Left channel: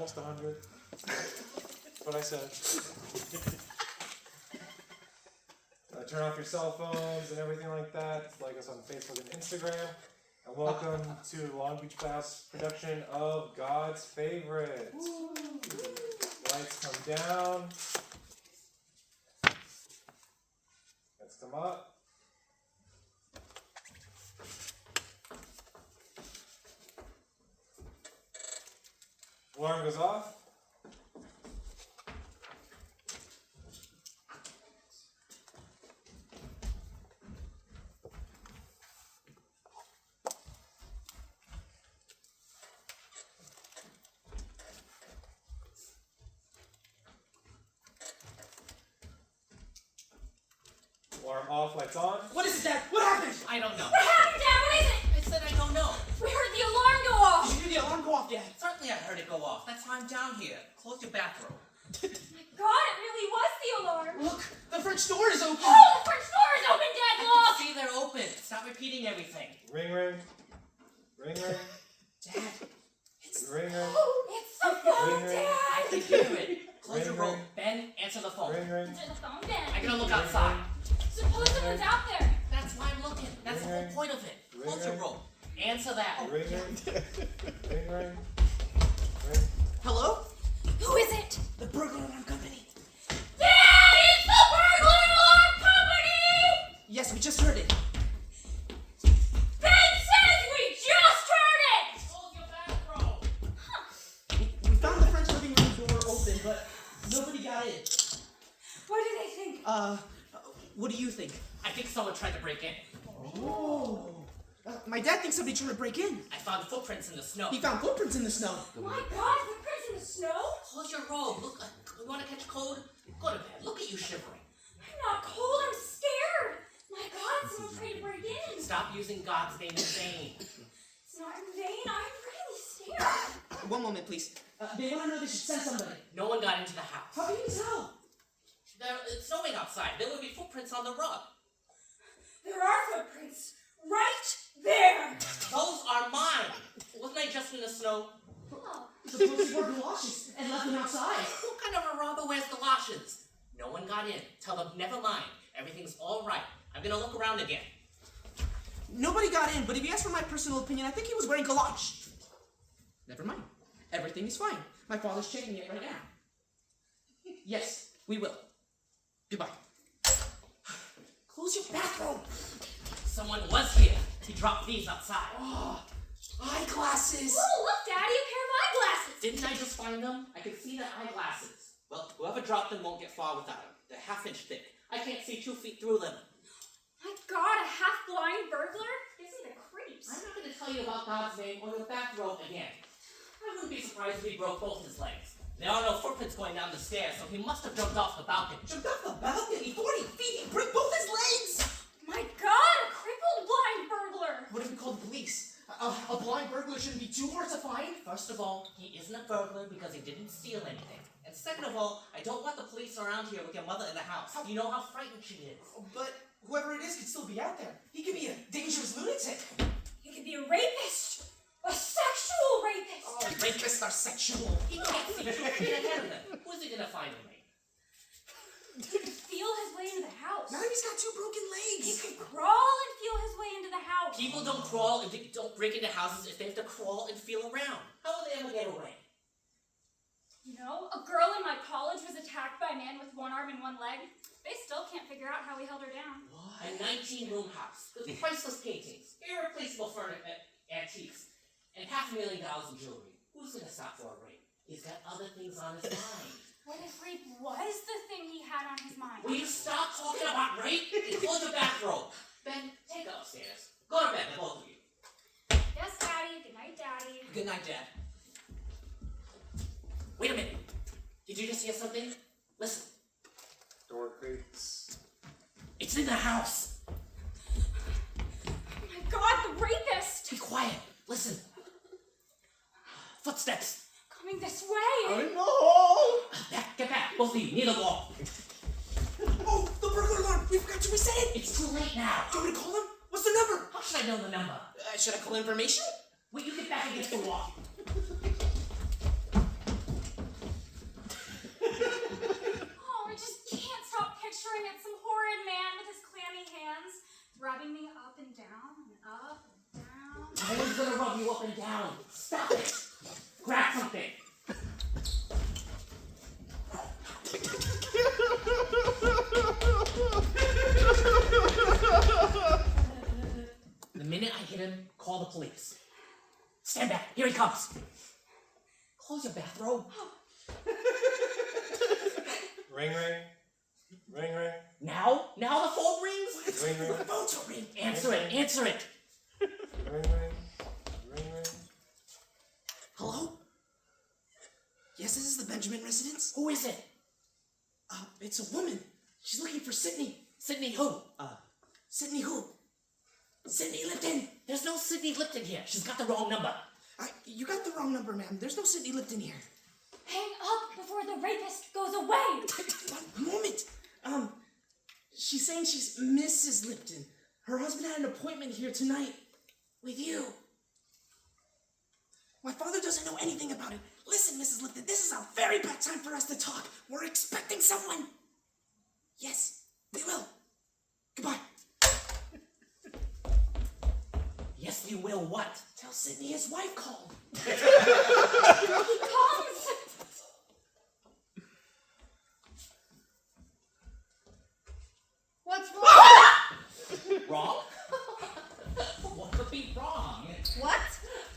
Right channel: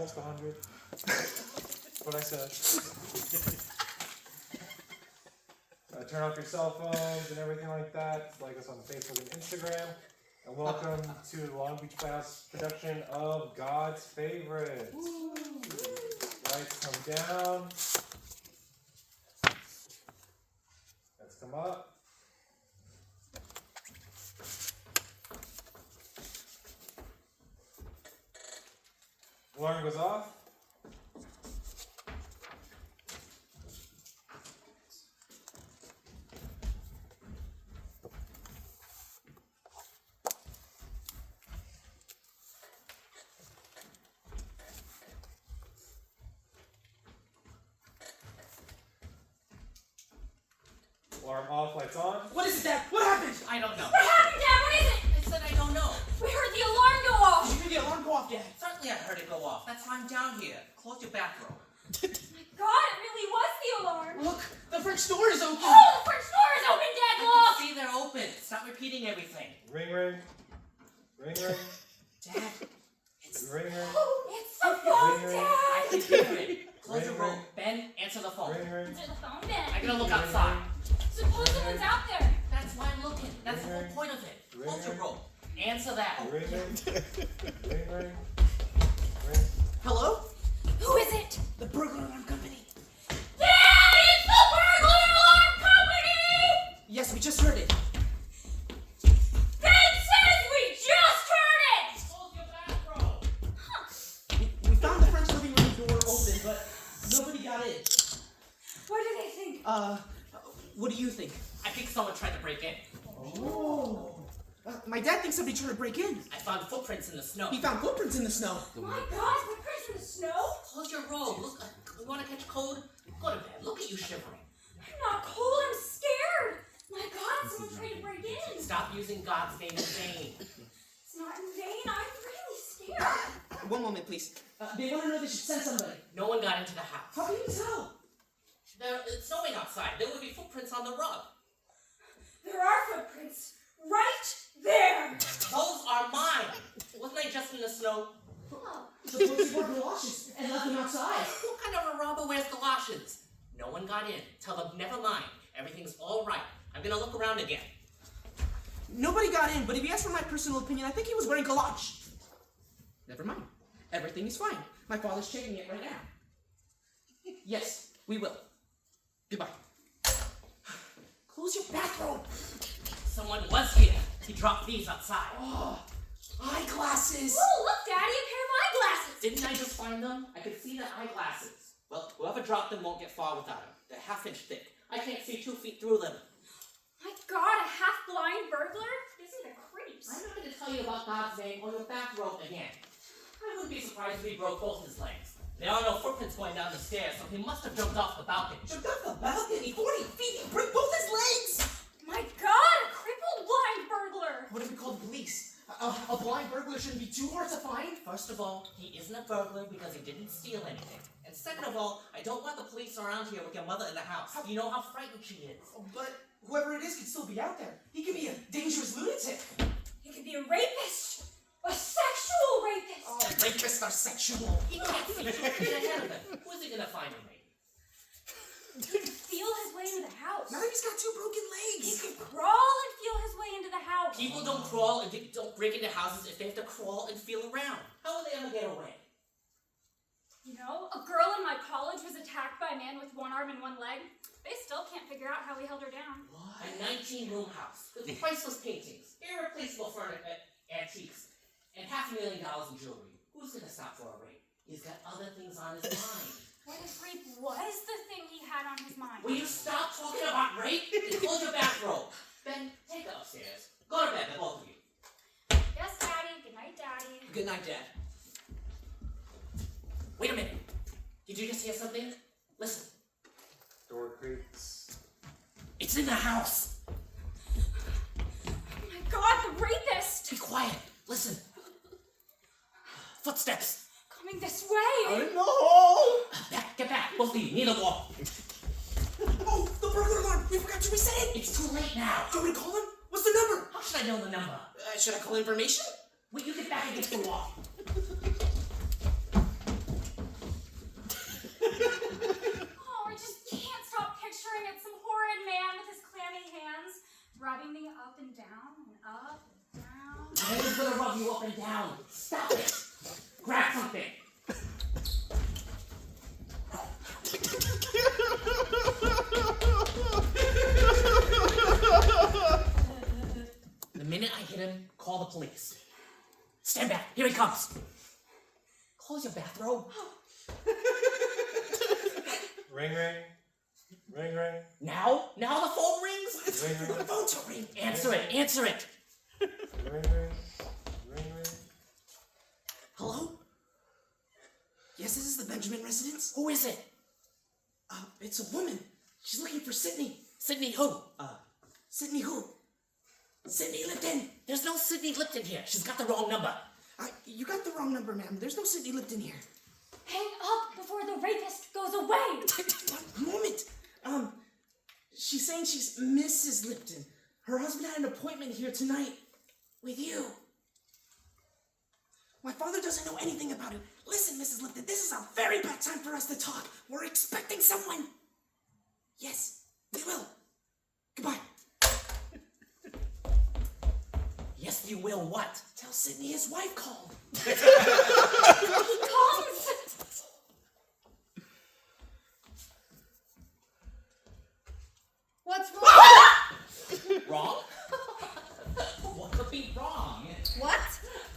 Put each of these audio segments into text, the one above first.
almost 100. That's what I said. Turn off your cell phones and everything like that. Like us on Facebook and Instagram. And welcome to Long Beach Blast production of God's Favorite. Lights come down. Let's come up. Alarm goes off. Alarm off, lights on. What is it, Dad? What happened? I don't know. What happened, Dad? What is it? I said I don't know. We heard the alarm go off. Did you hear the alarm go off, Dad? Certainly I heard it go off. That's why I'm down here. Close your bathroom. God, it really was the alarm. Look, the French door is open. Oh, the French door is open, Dad. I Look. can see they're open. Stop repeating everything. Ring, ring. Ring, ring. Dad, it's... Ring, ring. Oh, it's the phone, Ring, ring. I Dad. can hear it. Close your Ring, room. ring. Ben, answer the phone. Ring, ring. Answer the phone, Ben. I'm gonna look outside. Suppose someone's out there. That's why I'm looking. That's the whole Ring, point of it. ring, Close your ring. room. Answer that. Ring, ring. Ring, ring. Hello? Who is it? The burglar alarm company. Dad, it's the burglar alarm company. Yes, we just heard it. Ben says we just heard it. Close your bathroom. We found the French living room door open, but nobody got in. What do they think? What do you think? I think someone tried to break in. Oh. My dad thinks somebody tried to break in. I found footprints in the snow. He found footprints in the snow. My God, footprints in the snow? Close your robe. Look, you want to catch cold? Go to bed. Look at you shivering. I'm not cold, I'm scared. My God, someone tried to break in. Stop using God's name in vain. It's not in vain, I'm really scared. One moment, please. They want to know they should send somebody. No one got into the house. How can you tell? It's snowing outside. There would be footprints on the rug. There are footprints right there. Those are mine. Wasn't I just in the snow? Oh, Suppose they wore galoshes and left them outside. What kind of a robber wears galoshes? No one got in. Tell them never mind. Everything's all right. I'm gonna look around again. Nobody got in, but if you ask for my personal opinion, I think he was wearing galoshes. Never mind. Everything is fine. My father's checking it right now. Yes, we will. Goodbye. Close your bathroom. Someone was here. He dropped these outside. Eyeglasses. oh, look, Daddy, a pair of eyeglasses. Didn't I just find them? I could see the eyeglasses. Well, whoever dropped them won't get far without them. They're half-inch thick. I can't see 2 feet through them. My God, a half-blind burglar? Isn't the creeps? I'm not going to tell you about God's name or your bathrobe again. I wouldn't be surprised if he broke both his legs. There are no footprints going down the stairs, so he must have jumped off the balcony. Jumped off the balcony, 40 feet, he broke both his legs! My God, a crippled blind burglar. What if we call the police? A blind burglar shouldn't be too hard to find. First of all, he isn't a burglar because he didn't steal anything. And second of all, I don't want the police around here with your mother in the house. You know how frightened she is. But whoever it is could still be out there. He could be a dangerous lunatic. He could be a rapist. A sexual rapist. Oh, rapists are sexual. He can't see 2 feet ahead of him. Who's he going to find in me? He could feel his way into the house. Now he's got 2 broken He legs. could crawl and feel his way into the house. People don't crawl and don't break into houses if they have to crawl and feel around. How will they ever get away? You know, a girl in my college was attacked by a man with 1 arm and 1 leg. They still can't figure out how he held her down. A 19-room house with priceless paintings, irreplaceable antiques, and $500,000 in jewelry. Who's going to stop for a rape? He's got other things on his mind. What if rape was the thing he had on his mind? Will you stop talking about rape and close your bathrobe? Ben, take her upstairs. Go to bed, the both of you. Yes, Daddy. Good night, Daddy. Good night, Dad. Wait a minute. Did you just hear something? Listen. Door creaks. It's in the house. Oh my God, the rapist! Be quiet. Listen. Footsteps. Coming this way! Oh Get back. Both of you, near the wall. no! Oh, the burglar alarm! We forgot to reset it! It's too late now. Do you want me to call him? What's the number? How should I know the number? Should I call information? Will you get back against the wall? No one's gonna rub you up and down. Stop it. Grab something. The minute I hit him, call the police. Stand back. Here he comes. Close your bathrobe. Ring, ring. Ring, ring. Now the phone rings. Ring, ring. The phone's ring. Answer it. Answer it. Ring, ring. Ring, ring. Hello? Yes, this is the Benjamin residence. Who is it? It's a woman. She's looking for Sydney. Sydney who? Sydney who? Sydney Lipton. There's no Sydney Lipton here. She's got the wrong number. You got the wrong number, ma'am. There's no Sydney Lipton here. Hang up before the rapist goes away. One moment. She's saying she's Mrs. Lipton. Her husband had an appointment here tonight with you. My father doesn't know anything about it. Listen, Mrs. Lipton, this is a very bad time for us to talk. We're expecting someone. Yes, they will. Goodbye. Yes, you will what? Tell Sydney his wife called. He comes. What's wrong? Wrong? What could be wrong? What?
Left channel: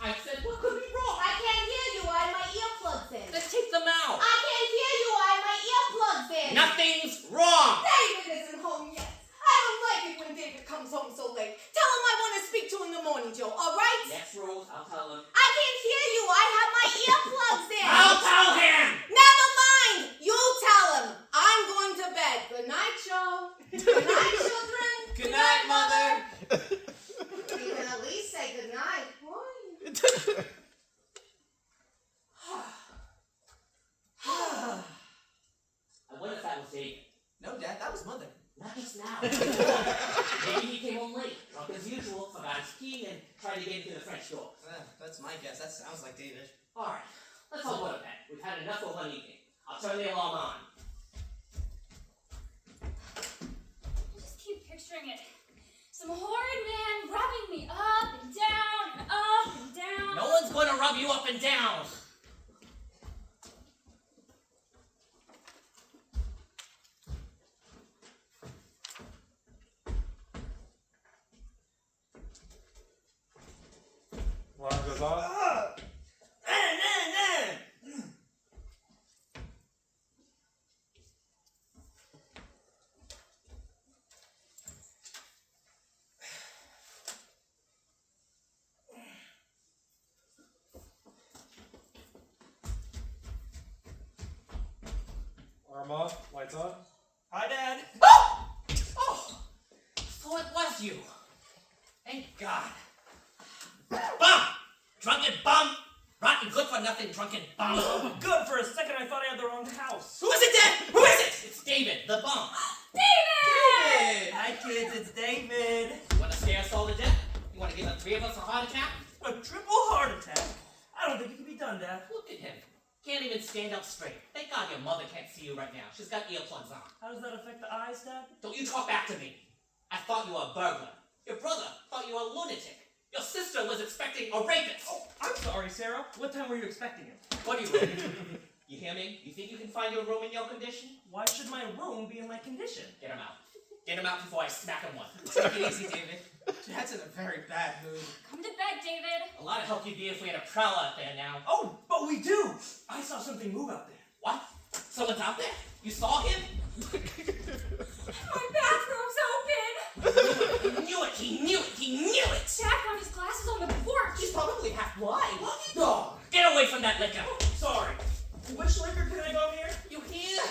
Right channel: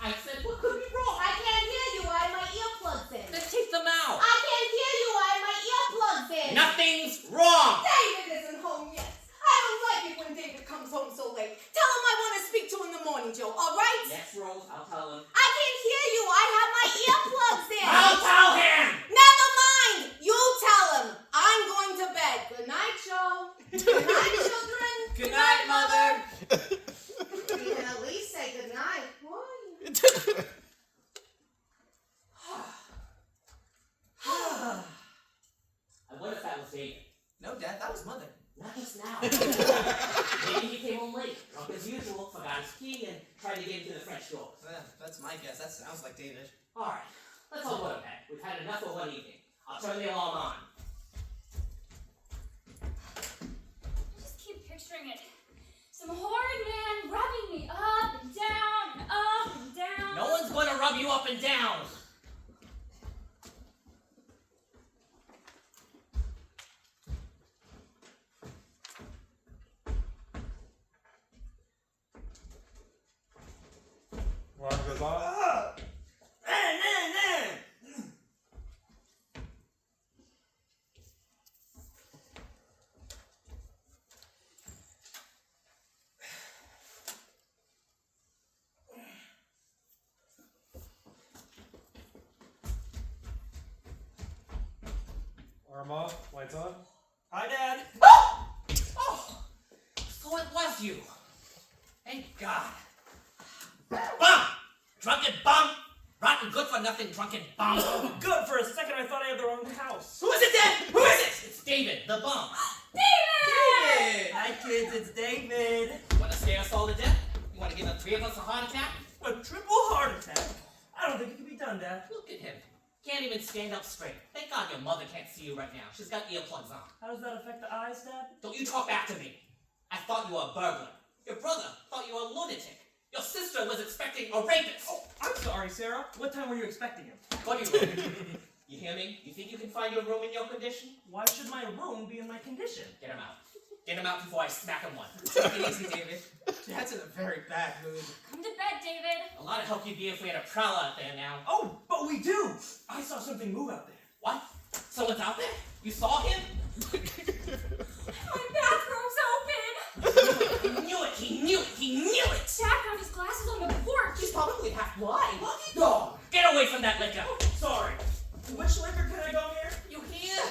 I said, what could be wrong? I can't hear you. I have my earplugs in. Then take them out. I can't hear you. I have my earplugs in. Nothing's wrong. David isn't home yet. I don't like it when David comes home so late. Tell him I want to speak to him in the morning, Joe. All right? Yes, Rose, I'll tell him. I can't hear you. I have my earplugs in. I'll tell him. Never mind. You tell him. I'm going to bed. Good night, Joe. Good night, children. Good night, Mother. You can at least say good night. Boy. I wonder if that was David. No, Dad, that was Mother. Not just now. Maybe he came home late, drunk as usual, forgot his key, and tried to get into the French door. That's my guess. That sounds like David. Alright, let's all go to bed. We've had enough for one evening. I'll turn the alarm on. I just keep picturing it. Some horrid man rubbing me up and down and up and down. No one's going to rub you up and down. Alarm goes off. Alarm off. Lights on. Hi, Dad. Oh! So it was you. Thank God. Bum! Drunken bum! Rotten good for nothing drunken bum! Good, for a second I thought I had the wrong house. Who is it, Dad? Who is it? It's David, the bum. David! Hi kids, it's David. You want to scare us all to death? You want to give the three of us a heart attack? A triple heart attack? I don't think it can be done, Dad. Look at him. Can't even stand up straight. Thank God your mother can't see you right now. She's got earplugs on. How does that affect the eyes, Dad? Don't you talk back to me. I thought you were a burglar. Your brother thought you were a lunatic. Your sister was expecting a rapist. Oh, I'm sorry, Sarah. What time were you expecting him? Buddy room. You hear me? You think you can find your room in your condition? Why should my room be in my condition? Get him out. Get him out before I smack him one. Take it easy, David. Dad's in a very bad mood. Come to bed, David. A lot of help you'd be if we had a prowler out there now. Oh, but we do! I saw something move out there. What? Someone's out there? You saw him? My bathroom's open. He knew it! He knew it! He knew it! Dad found his glasses on the porch. He's probably half blind. Lucky dog! Get away from that liquor! Sorry. Which liquor can I go here? You hear?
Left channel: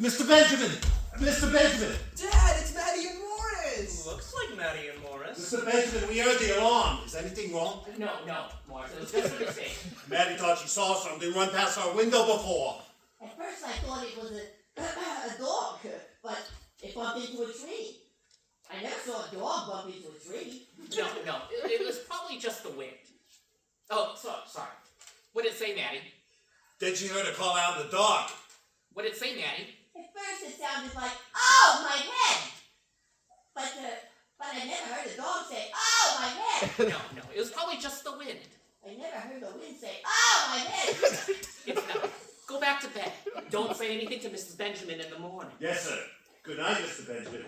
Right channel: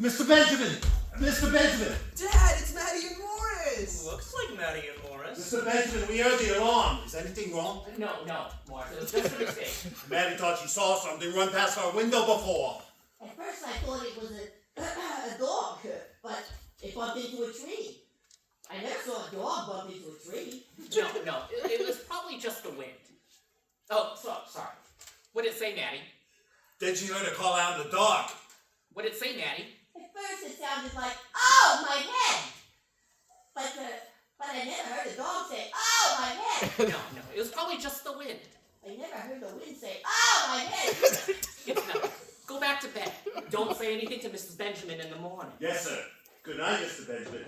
Mr. Benjamin! Mr. Benjamin! Dad, it's Maddie and Morris. Looks like Maddie and Morris. Mr. Benjamin, we heard the alarm. Is anything wrong? No, Morris. It was just a mistake. Maddie thought she saw something run past our window before. At first I thought it was a dog, but it bumped into a tree. I never saw a dog bump into a tree. No. It was probably just the wind. Oh, sorry. What did it say, Maddie? Then she heard a call out in the dark. What did it say, Maddie? At first it sounded like, oh, my head. But but I never heard a dog say, "Oh, my head." No, it was probably just the wind. I never heard the wind say, "Oh, my head." No, go back to bed. Don't say anything to Mrs. Benjamin in the morning. Yes, sir. Good night, Mr. Benjamin.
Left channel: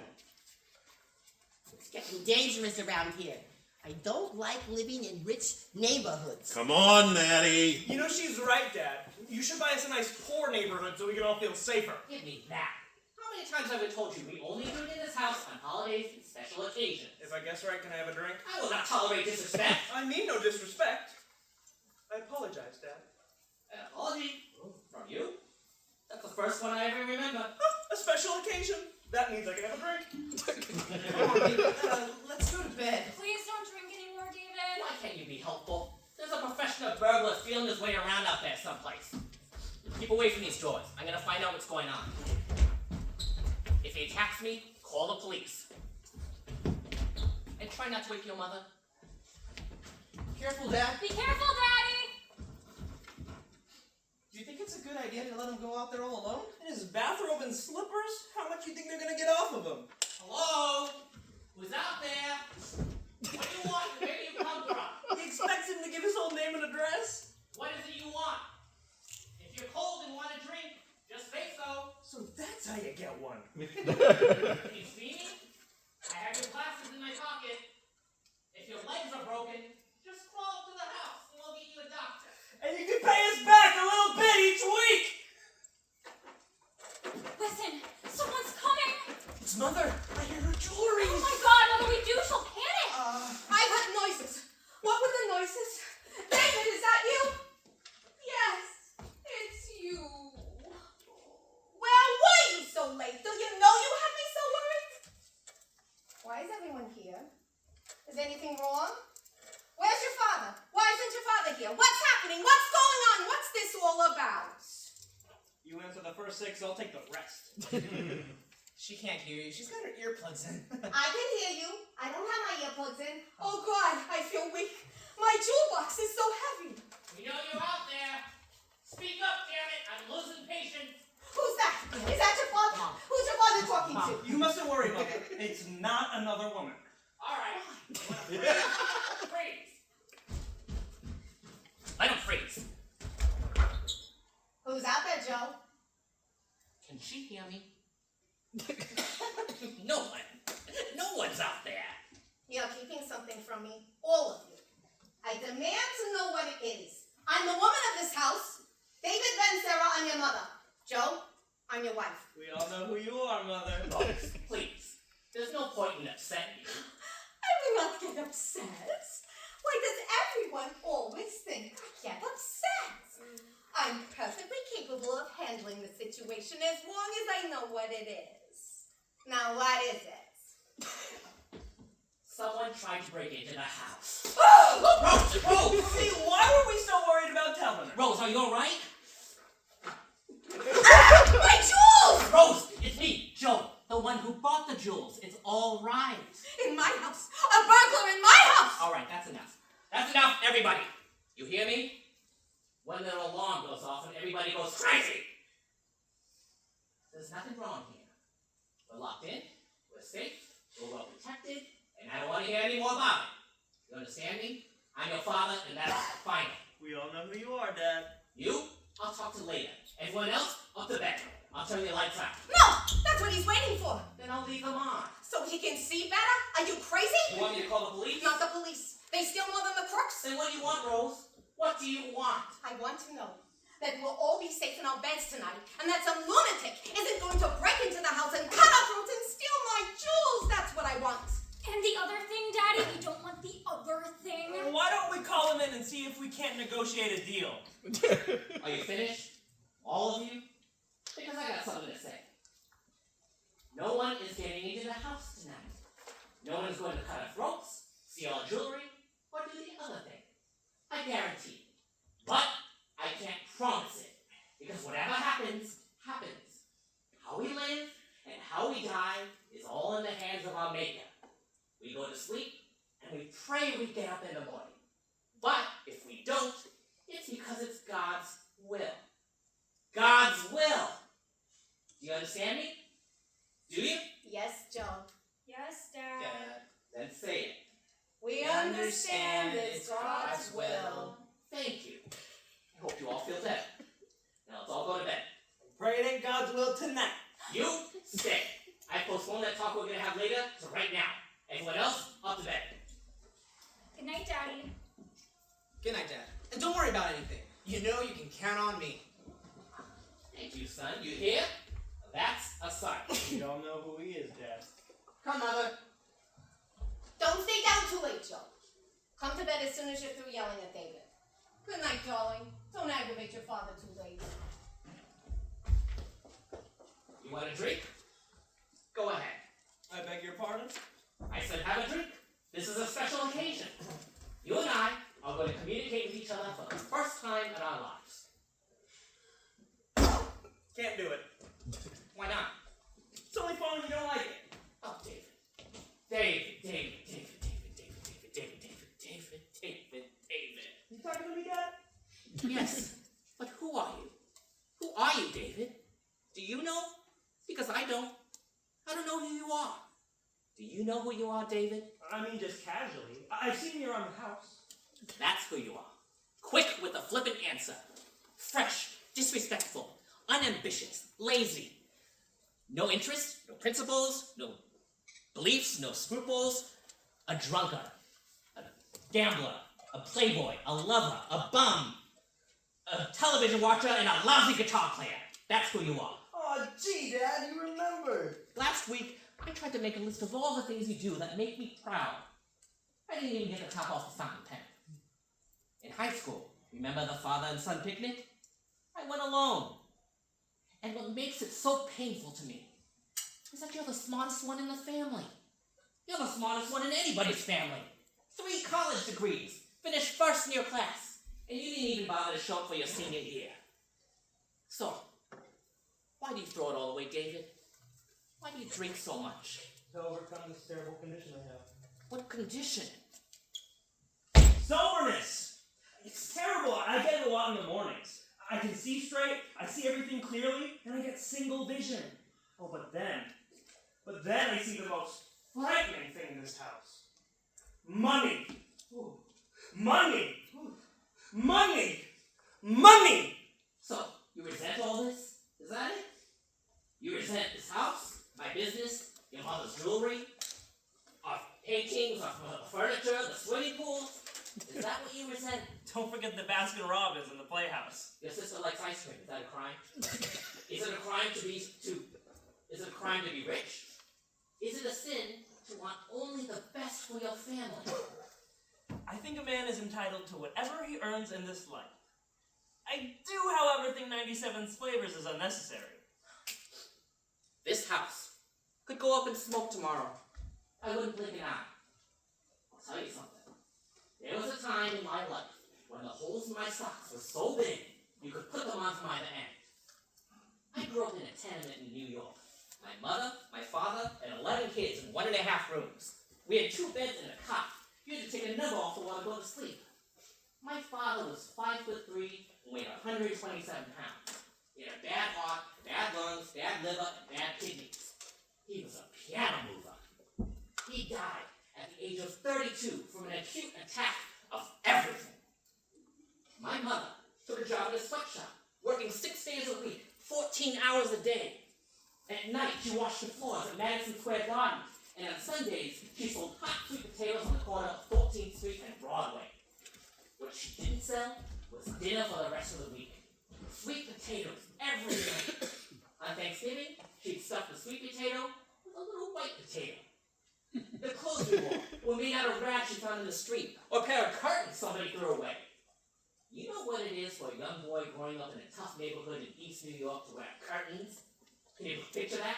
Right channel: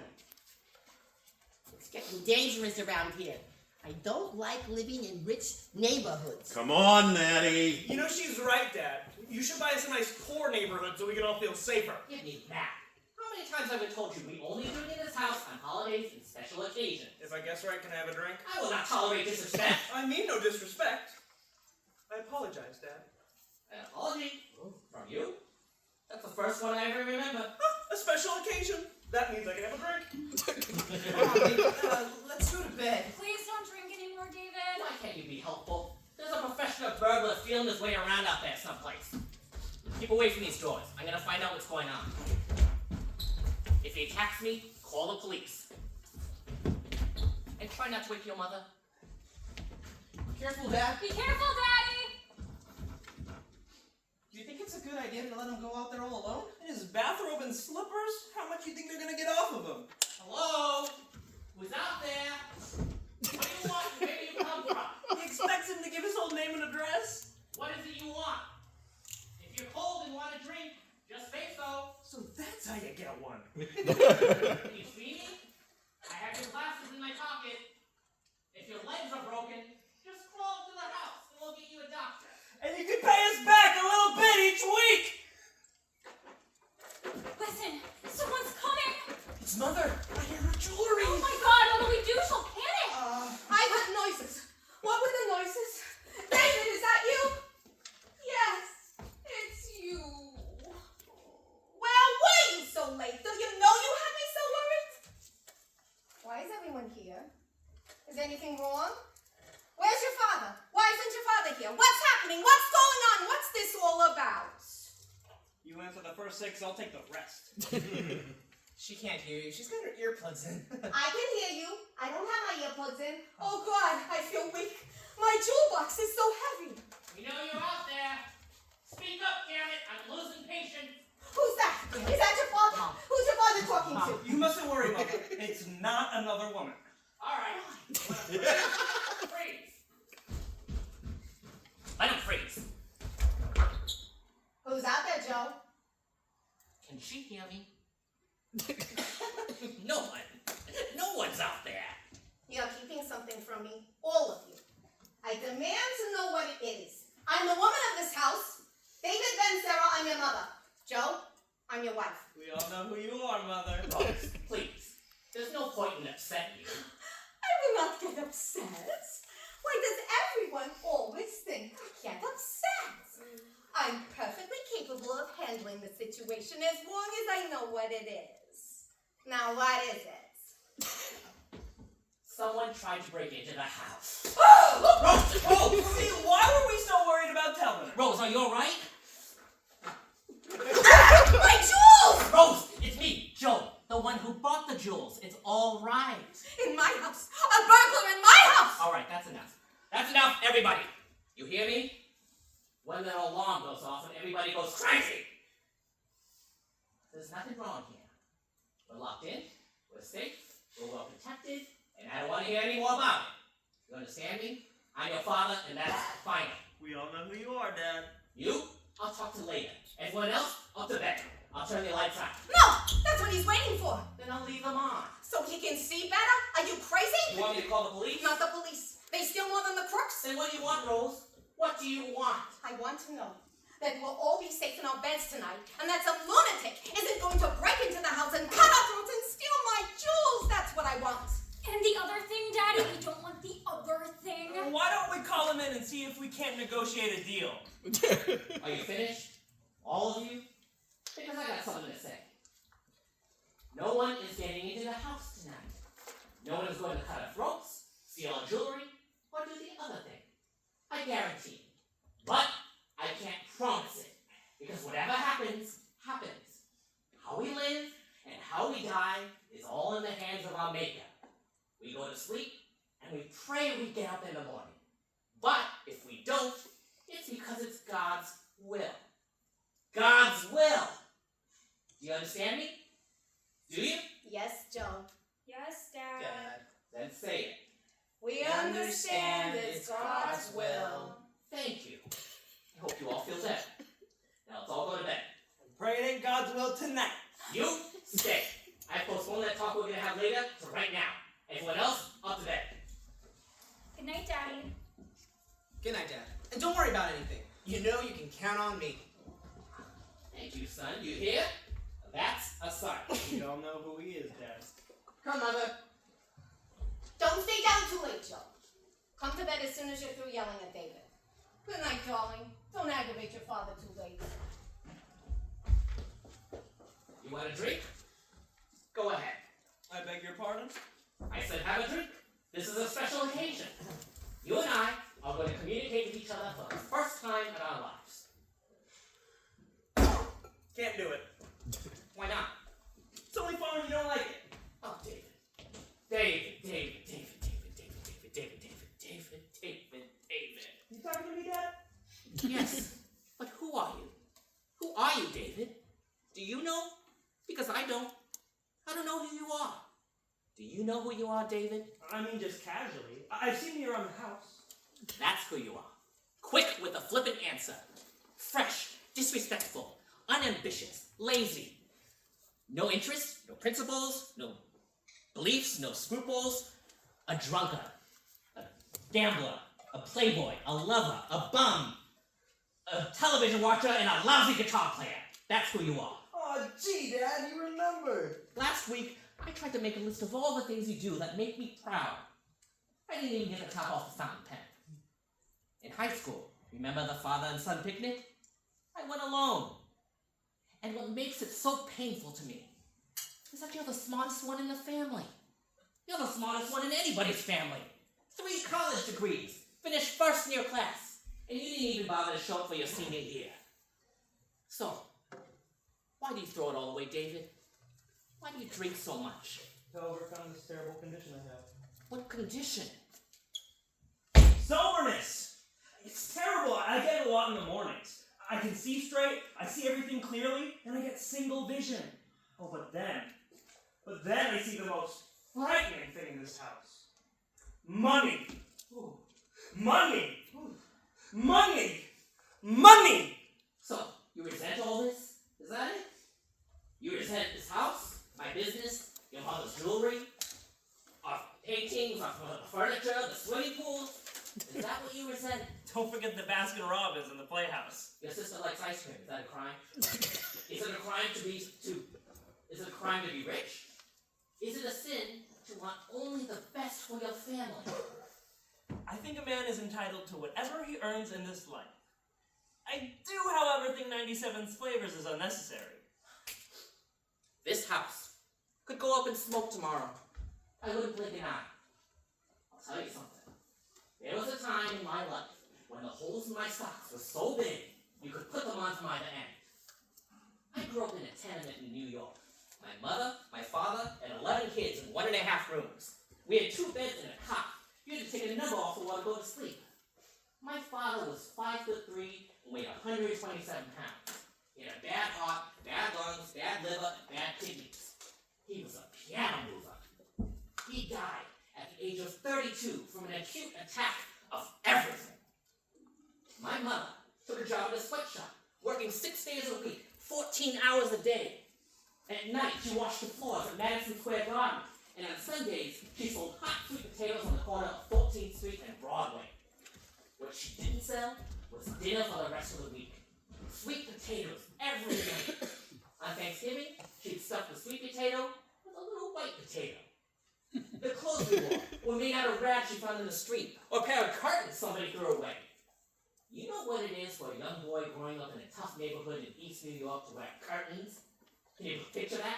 It's getting dangerous around here. I don't like living in rich neighborhoods. Come on, Maddie. You know she's right, Dad. You should buy us a nice poor neighborhood so we can all feel safer. Give me that. How many times have I told you we only drink in this house on holidays and special occasions? If I guess right, can I have a drink? I will not tolerate disrespect. I mean no disrespect. I apologize, Dad. An apology? From you? That's the first one I ever remember. A special occasion. That means I can have a drink. Come on, baby. Let's go to bed. Please don't drink anymore, David. Why can't you be helpful? There's a professional burglar feeling his way around out there someplace. Keep away from these doors. I'm gonna find out what's going on. If he attacks me, call the police. And try not to wake your mother. Careful, Dad. Be careful, Daddy. Do you think it's a good idea to let him go out there all alone? In his bathrobe and slippers? How much do you think they're gonna get off of him? Hello? Who's out there? What do you want? Where do you come from? He expects him to give his whole name and address? What is it you want? If you're cold and want a drink, just say so. So that's how you get one. Can you see me? I have your glasses in my pocket. If your legs are broken, just crawl up to the house and we'll get you a doctor. And you can pay us back a little bit each week! Listen, someone's coming. It's Mother. I hear her jewelry. Oh my God, what do we do? She'll panic. I heard noises. What were the noises? David, is that you? Yes, it's you. Well, why are you so late? Don't you know you had me so worried? Why is everyone here? Is anything wrong? Where's your father? Why isn't your father here? What's happening? What's going on? What's this all about? You answer the first 6, I'll take the rest. She can't hear you. She's got her earplugs in. I can hear you. I don't have my earplugs in. Oh God, I feel weak. My jewel box is so heavy. We know you're out there. Speak up, damn it. I'm losing patience. Who's that? Is that your father? Mom. Who's your father talking to? You mustn't worry, Mother. It's not another woman. All right. Freeze. Let him freeze. Who's out there, Joe? Can she hear me? No one. No one's out there. You're keeping something from me, all of you. I demand to know what it is. I'm the woman of this house. David, Ben, Sarah, I'm your mother. Joe, I'm your wife. We all know who you are, Mother. Rose, please. There's no point in upsetting you. I will not get upset. Why does everyone always think I get upset? I'm perfectly capable of handling the situation as long as I know what it is. Now, what is it? Someone tried to break into the house. Rose! Rose! See, why were we so worried about telling her? Rose, are you alright? My jewels! Rose, it's me, Joe, the one who bought the jewels. It's all right. In my house! A burglar in my house! All right, that's enough. That's enough, everybody. You hear me? When the alarm goes off and everybody goes crazy. There's nothing wrong here. We're locked in, we're safe, we're well protected, and I don't want to hear any more about it. You understand me? I'm your father, and that's final. We all know who you are, Dad. You, I'll talk to later. Everyone else, up to bed. I'll turn the lights out. No! That's what he's waiting for! Then I'll leave them on. So he can see better? Are you crazy? You want me to call the police? Not the police. They steal more than the crooks. Then what do you want, Rose? What do you want? I want to know that we'll all be safe in our beds tonight, and that some lunatic isn't going to break into the house and cut our throats and steal my jewels. That's what I want. And the other thing, Daddy, we don't want the other thing. Why don't we call him in and see if we can't negotiate a deal? Are you finished? All of you? Because I got something to say. No one is getting into the house tonight. No one is going to cut our throats, steal our jewelry, or do the other thing. I guarantee. But I can't promise it. Because whatever happens, happens. How we live and how we die is all in the hands of our Maker. We go to sleep and we pray we get up in the morning. But if we don't, it's because it's God's will. God's will. Do you understand me? Do you? Yes, Joe. Yes, Dad. Dad. all feel better. Now let's all go to bed. Pray it ain't God's will tonight. You stay. I postponed that talk we're gonna have later to right now. Everyone else, up to bed. Good night, Daddy. Good night, Dad. And don't worry about anything. You know you can count on me. Thank you, son. You hear? That's a sign. We all know who he is, Dad. Come, Mother. Don't stay down too late, Joe. Come to bed as soon as you're through yelling at David. Good night, darling. Don't aggravate your father too late. You want a drink? Go ahead. I beg your pardon? I said have a drink. This is a special occasion. You and I are going to communicate with each other for the first time in our lives. Can't do it. Why not? It's only fun when you don't like it. Oh, David. David. You talking to me, Dad? Yes, but who are you? Who are you, David? Do you know? Because I don't. I don't know who you are. Do you know who you are, David? I mean, just casually. I've seen you around the house. That's who you are. Quick with a flippant answer. Fresh, disrespectful, unambitious, lazy. No interest, no principles, no beliefs, no scruples. A drunkard, a gambler, a playboy, a lover, a bum, a television watcher, and a lousy guitar player. That's who you are. Oh, gee, Dad, you remembered. Last week, I tried to make a list of all the things you do that make me proud. I didn't even get the top off the fountain pen. In high school, remember the father and son picnic? I went alone. And what makes it so painful to me is that you're the smartest one in the family. You're the smartest one in anybody's family. 3 college degrees, finished first in your class, and you didn't even bother to show up for your senior year. So, why do you throw it all away, David? Why do you drink so much? To overcome this terrible condition I have. What condition? Soberness! It's terrible. I get it a lot in the mornings. I can see straight, I see everything clearly, and I get single vision. Oh, but then I see the most frightening thing in this house. Money. Ooh. Money. Ooh. Money. Money! So, you resent all this? Is that it? You resent this house, my business, your mother's jewelry, our paintings, our furniture, the swimming pool? Is that what you resent? Don't forget the Baskin Robbins in the playhouse. Your sister likes ice cream. Is that a crime? Is it a crime to be rich? Is it a sin to want only the best for your family? I think a man is entitled to whatever he earns in this life. I do, however, think 97's flavors is unnecessary. This house could go up in smoke tomorrow. I wouldn't blink an eye. I'll tell you something. There was a time in my life when the holes in my socks were so big you could put them on from either end. I grew up in a tenement in New York. My mother, my father, and 11 kids in 1.5 rooms. We had 2 beds and a cot. You had to take a number off the wall to go to sleep. My father was 5'3" and weighed 127 pounds. He had a bad heart, bad lungs, bad liver, and bad kidneys. He was a piano mover. He died at the age of 32 from an acute attack of everything. My mother took a job at a sweatshop, working 6 days a week, 14 hours a day. At night, she washed the floors at Madison Square Garden, and on Sundays, she sold hot sweet potatoes on the corner of 14th Street and Broadway. What she didn't sell was dinner for the rest of the week. Sweet potatoes every night. On Thanksgiving, she'd stuff the sweet potato with a little white potato. The clothes we wore were made out of rags she found in the street, or a pair of curtains somebody threw away. You know what it is for a young boy growing up in a tough neighborhood in East New York to wear curtains? Can you picture that?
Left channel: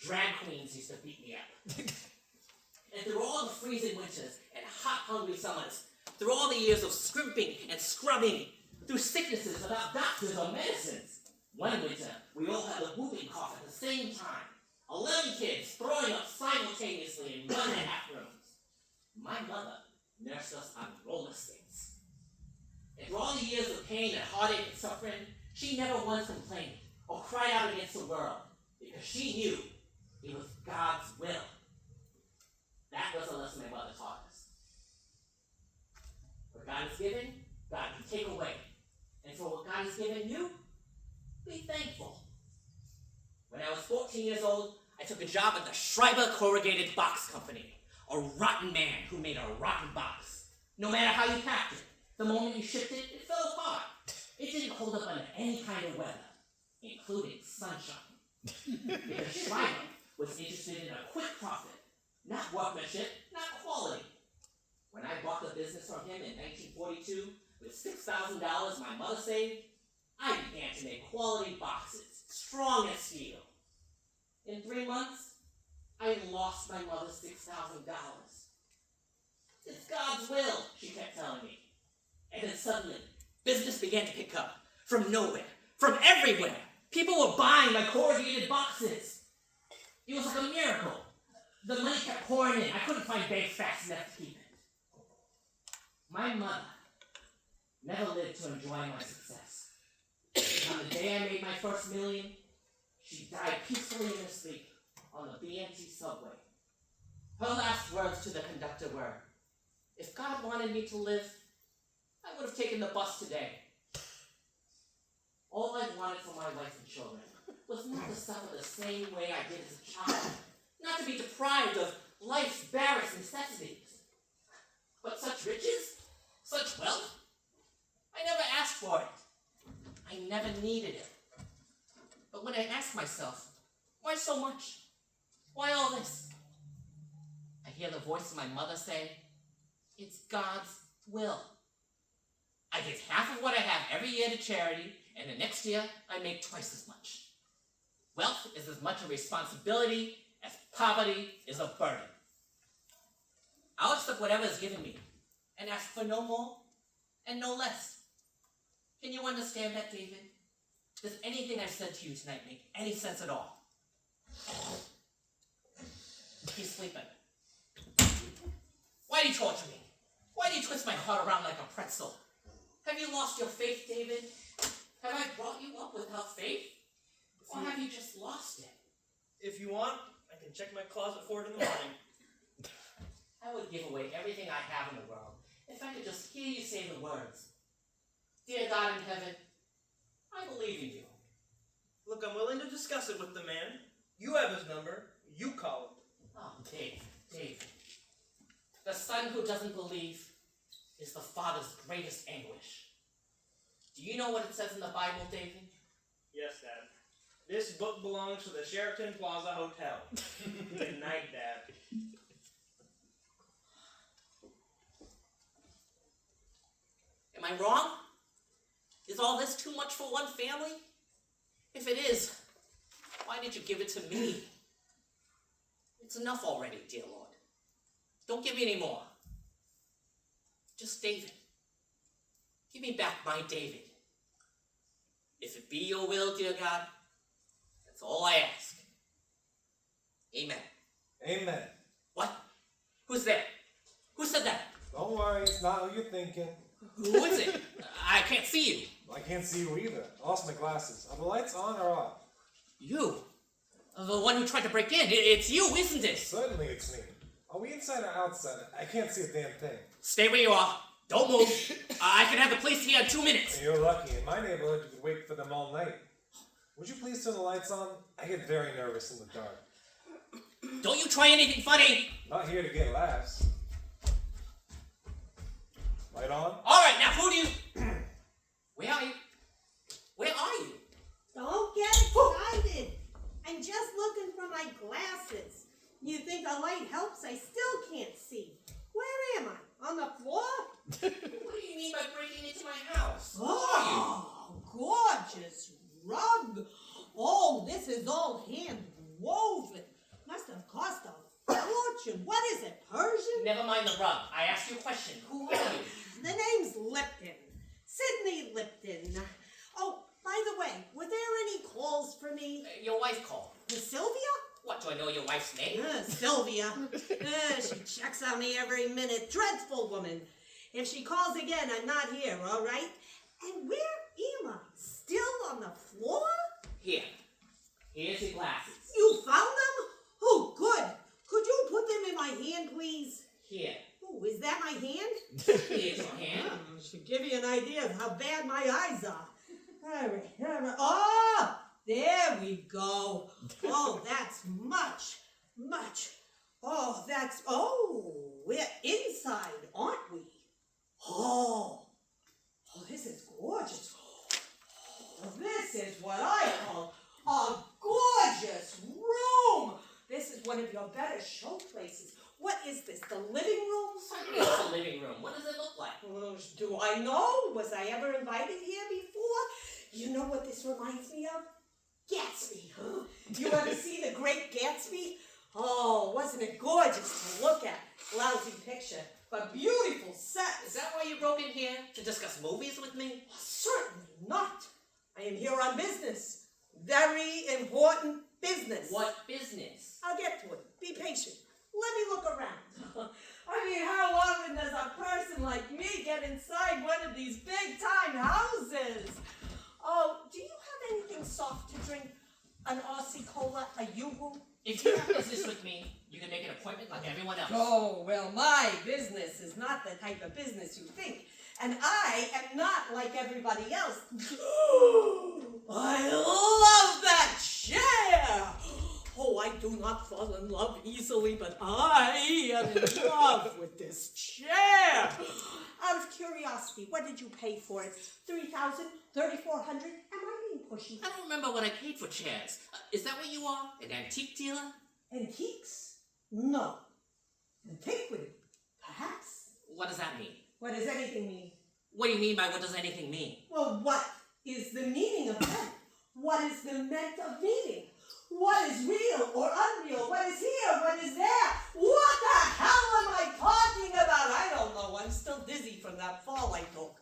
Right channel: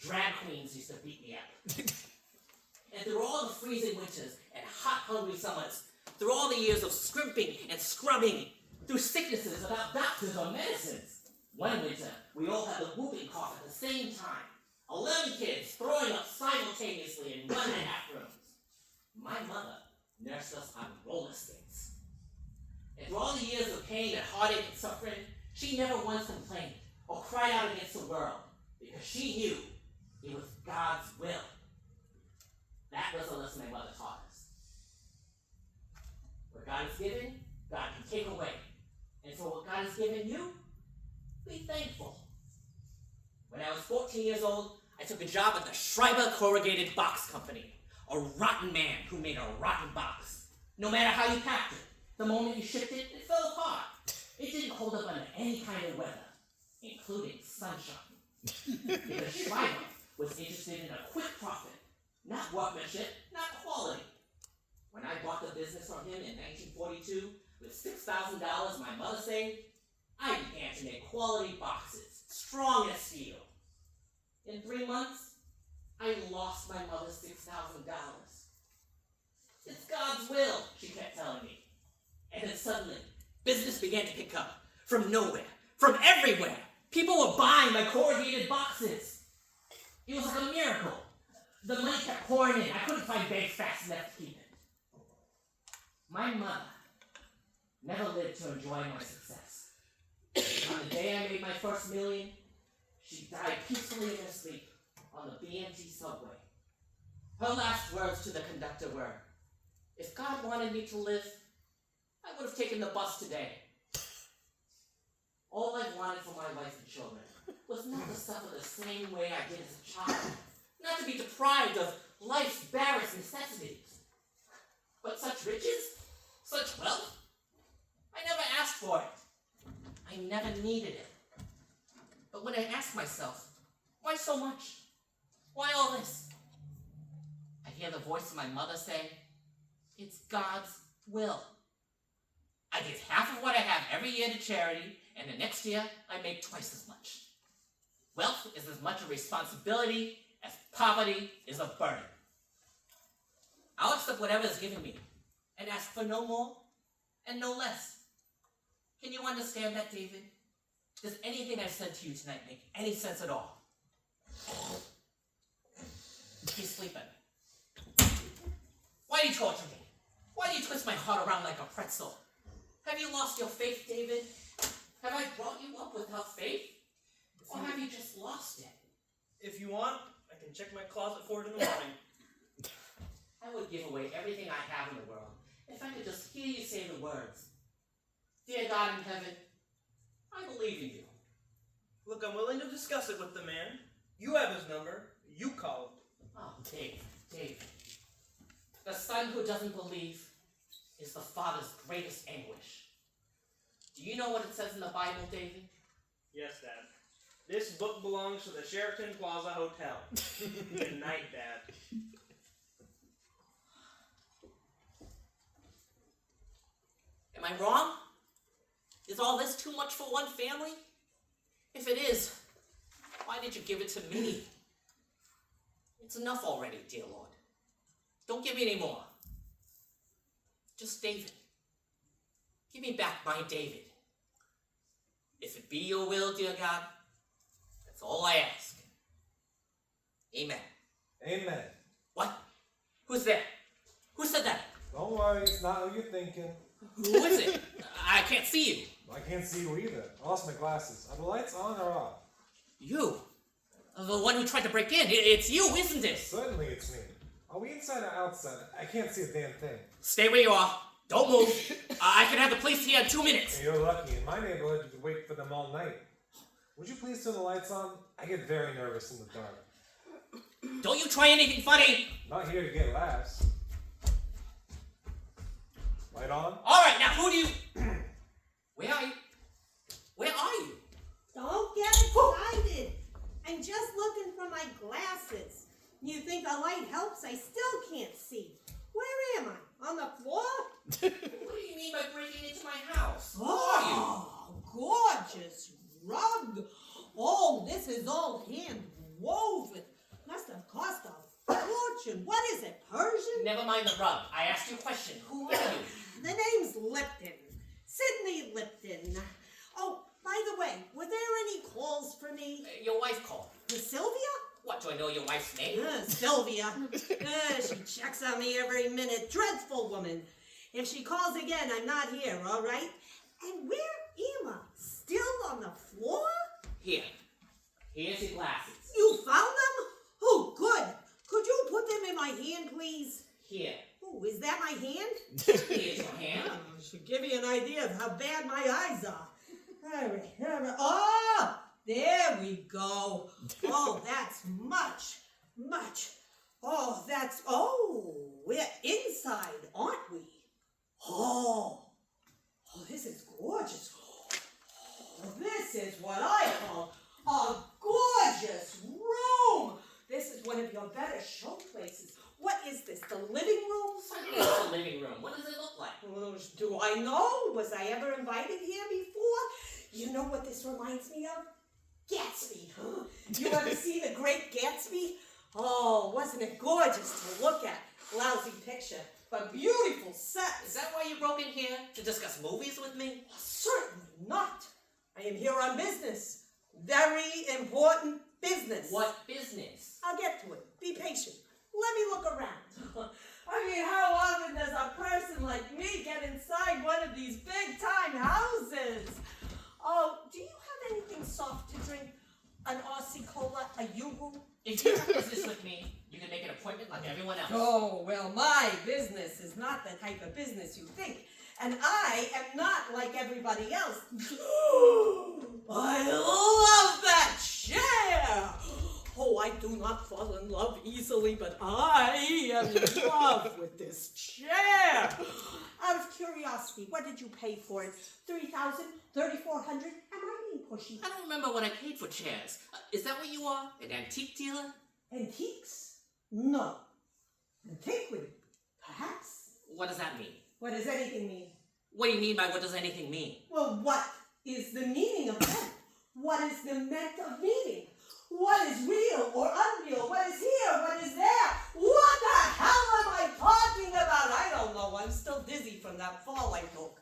Drag queens used to beat me up. And through all the freezing winters and hot, hungry summers, through all the years of scrimping and scrubbing, through sicknesses without doctors or medicines, one winter, we all had the whooping cough at the same time. 11 kids throwing up simultaneously in 1.5 rooms. My mother nursed us on roller skates. And through all the years of pain and heartache and suffering, she never once complained or cried out against the world because she knew it was God's will. That was the lesson my mother taught us. What God has given, God can take away. And for what God has given you, be thankful. When I was 14 years old, I took a job at the Schreiber Corrugated Box Company. A rotten man who made a rotten box. No matter how you packed it, the moment you shipped it, it fell apart. It didn't hold up under any kind of weather, including sunshine. Because Schreiber was interested in a quick profit, not workmanship, not quality. When I bought the business from him in 1942, with $6,000 my mother saved, I began to make quality boxes, strong as steel. In 3 months, I lost my mother's $6,000. It's God's will, she kept telling me. And then suddenly, business began to pick up. From nowhere, from everywhere. People were buying my corrugated boxes. It was like a miracle. The money kept pouring in. I couldn't find banks fast enough to keep it. My mother never lived to enjoy my success. On the day I made my first million, she died peacefully in her sleep on the BMT subway. Her last words to the conductor were, "If God wanted me to live, I would have taken the bus today." All I wanted for my wife and children was not to suffer the same way I did as a child, not to be deprived of life's barest necessities. But such riches, such wealth, I never asked for it. I never needed it. But when I asked myself, why so much? Why all this? I hear the voice of my mother say, it's God's will. I give half of what I have every year to charity, and the next year I make twice as much. Wealth is as much a responsibility as poverty is a burden. I'll accept whatever is given me, and ask for no more and no less. Can you understand that, David? Does anything I've said to you tonight make any sense at all? He's sleeping. Why do you torture me? Why do you twist my heart around like a pretzel? Have you lost your faith, David? Have I brought you up without faith? Or have you just lost it? If you want, I can check my closet for it in the morning. I would give away everything I have in the world if I could just hear you say the words. Dear God in heaven, I believe in you. Look, I'm willing to discuss it with the man. You have his number. You call him. Oh, Dave. The son who doesn't believe is the father's greatest anguish. Do you know what it says in the Bible, David? Yes, Dad. This book belongs to the Sheraton Plaza Hotel. Good night, Dad. Am I wrong? Is all this too much for one family? If it is, why did you give it to me? It's enough already, dear Lord. Don't give me any more. Just David. Give me back my David. If it be your will, dear God, that's all I ask. Amen. Amen. What? Who's there? Who said that? Don't worry, it's not who you're thinking. Who is it? I can't see you. I can't see you either. I lost my glasses. Are the lights on or off? You? The one who tried to break in. It's you, isn't it? Certainly it's me. Are we inside or outside? I can't see a damn thing. Stay where you are. Don't move. I can have the police here in 2 minutes. You're lucky. In my neighborhood, you could wait for them all night. Would you please turn the lights on? I get very nervous in the dark. Don't you try anything funny. Not here to get laughs. Light on? All right, now who do you... Where are you? Where are you? Don't get excited. I'm just looking for my glasses. You think a light helps? I still can't see. Where am I? On the floor? What do you mean by breaking into my house? Who are you? Oh, gorgeous rug. Oh, this is all hand woven. Must have cost a fortune. What is it, Persian? Never mind the rug. I asked you a question. Who are you? The name's Lipton. Sydney Lipton. Oh, by the way, were there any calls for me? Your wife called. Sylvia? What, do I know your wife's name? Sylvia. She checks on me every minute. Dreadful woman. If she calls again, I'm not here, all right? And where am I? Still on the floor? Here. Here's your glasses. You found them? Oh, good. Could you put them in my hand, please? Here. Oh, is that my hand? Here's your hand. Oh, should give you an idea idea of how bad my eyes are. All right. Oh, there we go. Oh, that's much. We're inside, aren't we? Oh, this is gorgeous. Oh, this is what I call a gorgeous room. This is one of your better show places. What is this, the living room? It's a living room. What does it look like? Well, do I know? Was I ever invited here before? You know what this reminds me of? Gatsby, huh? You ever see The Great Gatsby? Oh, wasn't it gorgeous to look at? Lousy picture, but beautiful set. Is that why you broke in here? To discuss movies with me? Certainly not. I am here on business. Very important business. What business? I'll get to it. Be patient. Let me look around. I mean, how often does a person like me get inside one of these big-time houses? Oh, do you have anything soft to drink? An Aussie Cola? A Yoo-hoo? If you have business with me, you can make an appointment like everyone else. Oh, well, my business is not the type of business you think. And I am not like everybody else. I love that chair! Oh, I do not fall in love easily, but I am in love with this chair. Out of curiosity, what did you pay for it? $3,000? $3,400? Am I being pushy? I don't remember what I paid for chairs. Is that what you are? An antique dealer? Antiques? No. Antiquity? Perhaps. What does that mean? What does anything mean? What do you mean by what does anything mean? Well, what is the meaning of them? What is the meant of meaning? What is real or unreal? What is here? What is there? What the hell am I talking about? I don't know. I'm still dizzy from that fall I took.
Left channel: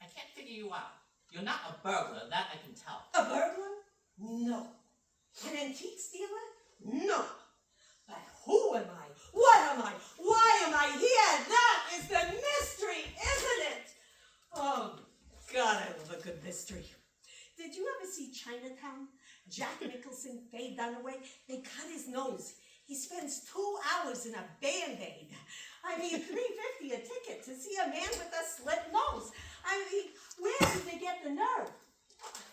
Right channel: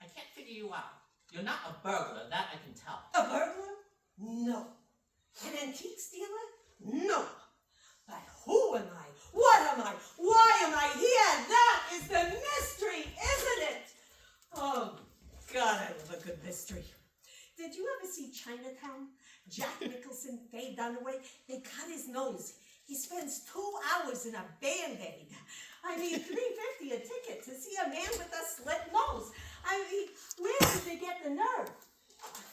I can't figure you out. You're not a burglar, that I can tell. A burglar? No. An antique stealer? No. But who am I? What am I? Why am I here? That is the mystery, isn't it? Oh, God, I love a good mystery. Did you ever see Chinatown? Jack Nicholson, Faye Dunaway, they cut his nose. He spends 2 hours in a Band-Aid. I mean, $3.50 a ticket to see a man with a slit nose. I mean, where did they get the nerve?